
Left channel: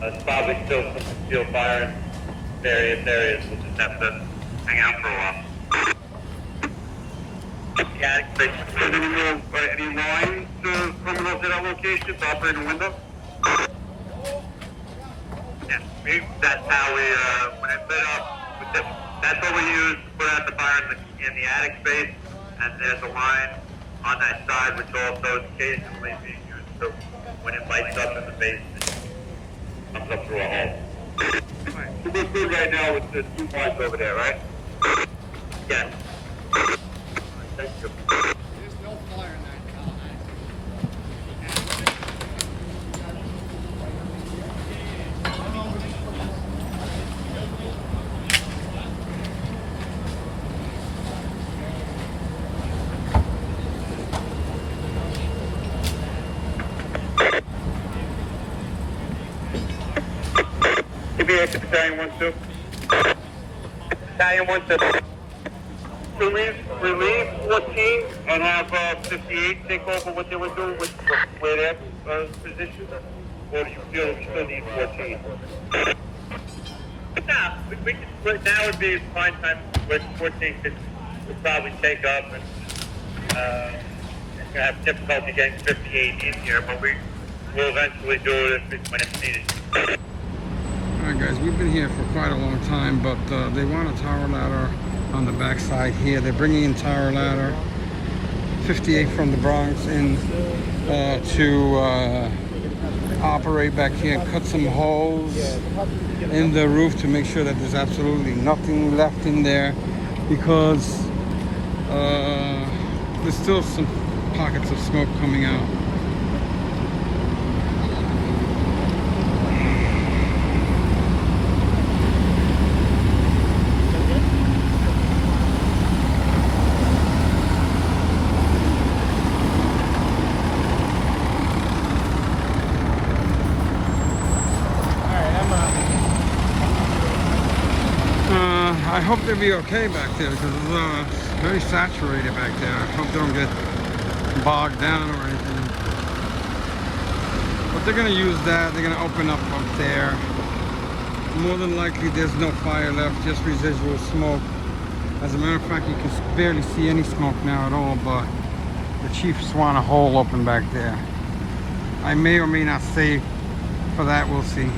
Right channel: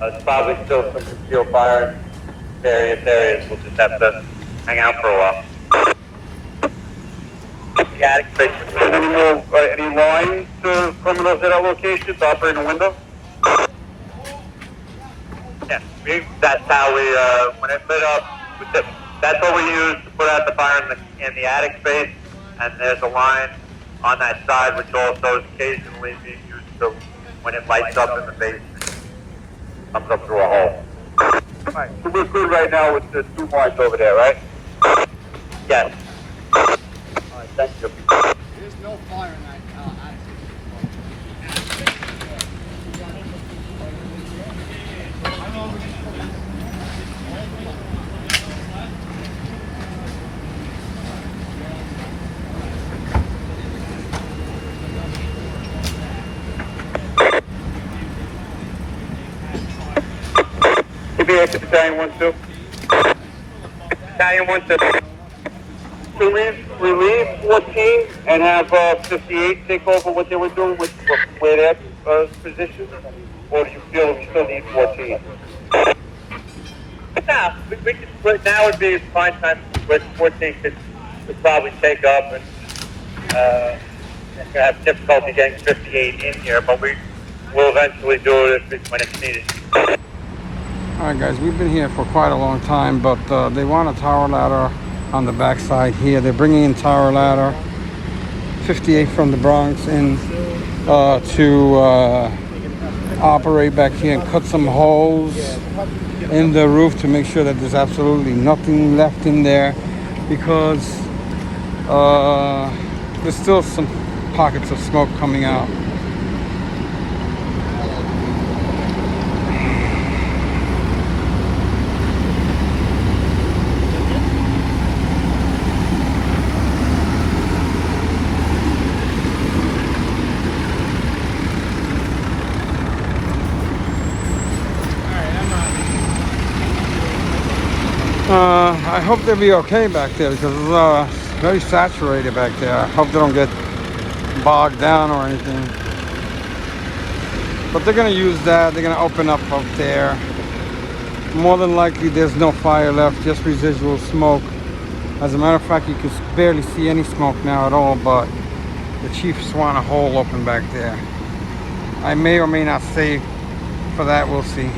It's probably still some concealed fire in various areas. We'll just have to hang out for a while. The attic space. Any lines criminals at our locations operating a window? Yeah, that's how we, when it lit up, that's what we use to put out the fire in the attic space, and there's a line on that side which also is occasionally being used to, when it lights up in the basement, comes up through a hole. Right, so we're good right now with the 2 lines over there, right? Yes. All right, thank you. There's no fire in that Battalion 1-2. Battalion 1-2. Relieve 14 and have 58 take over what they were doing with where their position, or do you feel we still need 14? Nah, now would be a fine time with 14 could probably take up and have difficulty getting 58 in here, but we will eventually do it when it's needed. Alright guys, we've been here for quite a long time, but they want a tower ladder on the backside here. They're bringing in tower ladder 58 from the Bronx in to operate back here and cut some holes in the roof to make sure that there's absolutely nothing left in there, because there's still some pockets of smoke coming out. I hope they'll be okay back there, because it's very saturated back there. I hope they don't get bogged down or anything. But they're going to use that. They're going to open up there. More than likely there's no fire left, just residual smoke. As a matter of fact, you can barely see any smoke now at all, but the chiefs want a hole open back there. I may or may not stay for that, we'll see.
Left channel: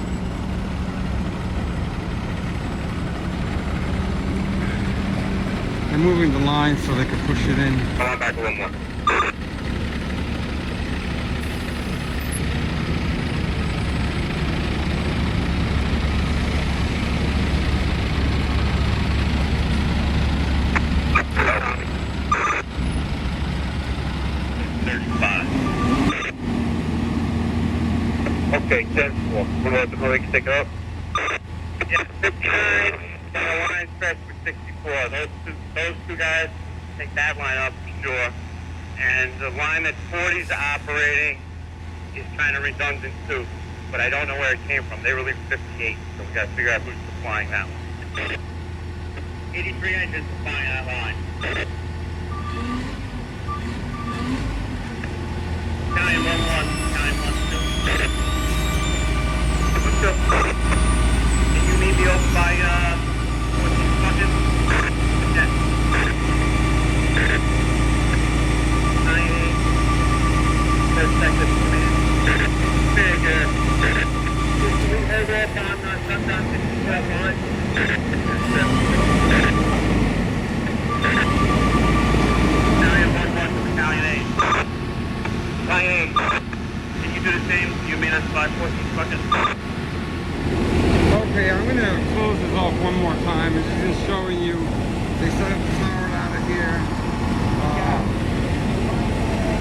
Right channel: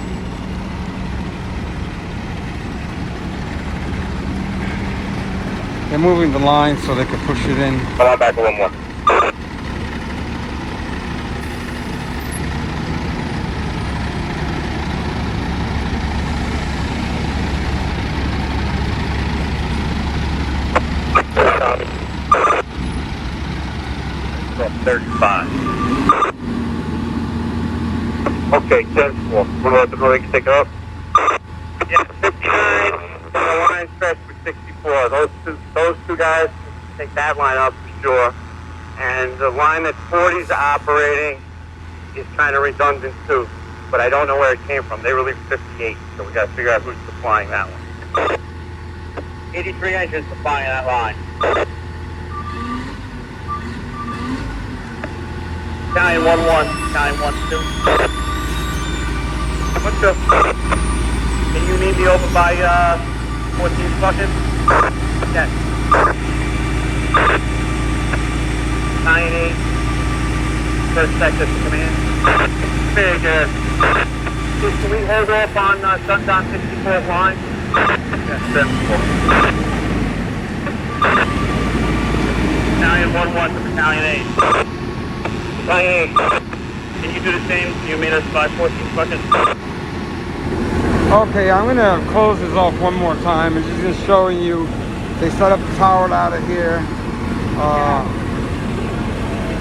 They're moving the line so they can push it in. Hold on back a little more. From 35. Okay, 10-4. We're going to let the brake stick up. Yeah, 59. The line stretch for 64. Those two guys take that line up for sure. And the line that 40's operating is kind of redundant too. But I don't know where it came from. They relieved 58, so we got to figure out who's supplying that one. 83 engines supplying that line. Battalion 1-1, Battalion 1-2. 1-2. Can you need me over by 14 seconds? Yes. Battalion 8. First sector command. Very good. Can we hold off on Sundown 64 line? Yes, sir. Battalion 1-1 to Battalion 8. Battalion 8. Can you do the same? You meet us by 14 seconds. Okay, I'm gonna close this off one more time. It's just showing you they set up the tower ladder here.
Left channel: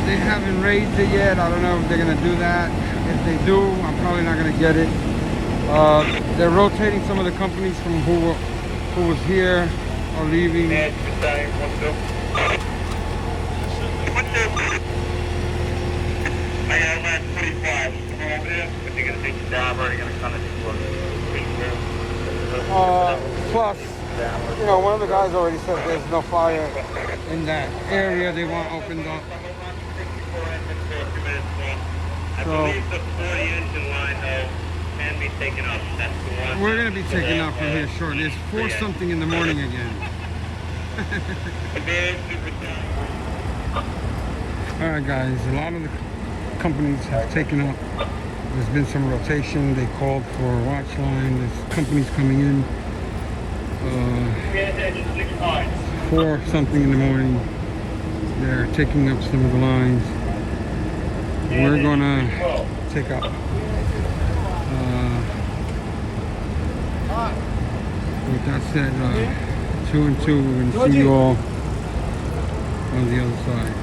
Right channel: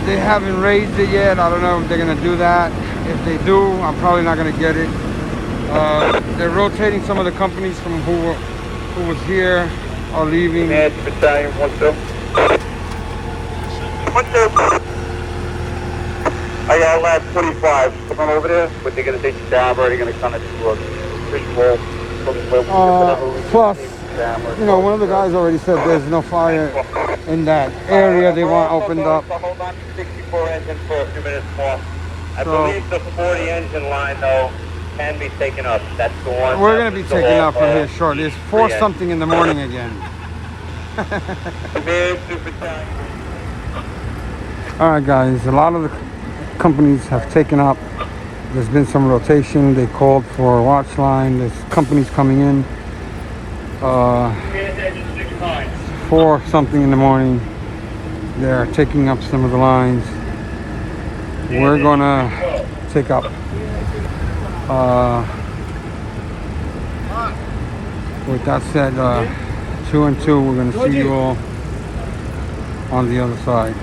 They haven't raised it yet. I don't know if they're gonna do that. If they do, I'm probably not gonna get it. They're rotating some of the companies from who was here are leaving. Battalion 1-2. 1-2. I got lab 25. Come over there, but they're gonna take the job, or they're gonna come into a big wall. Plus, you know, one of the guys already said there's no fire in that area they want opened up. Hold on to 64 engine for a few minutes more. I So- believe the 40 engine line, though, can be taken up. That's the one. We're gonna be taking up from here shortly. It's 4 something in the morning again. All right, guys. A lot of the companies have taken up. There's been some rotation. They called for a watch line. There's companies coming in. 4 something in the morning. They're taking up some of the lines. We're gonna take up. With that said, 2 and 2. We're gonna see you all on the other side.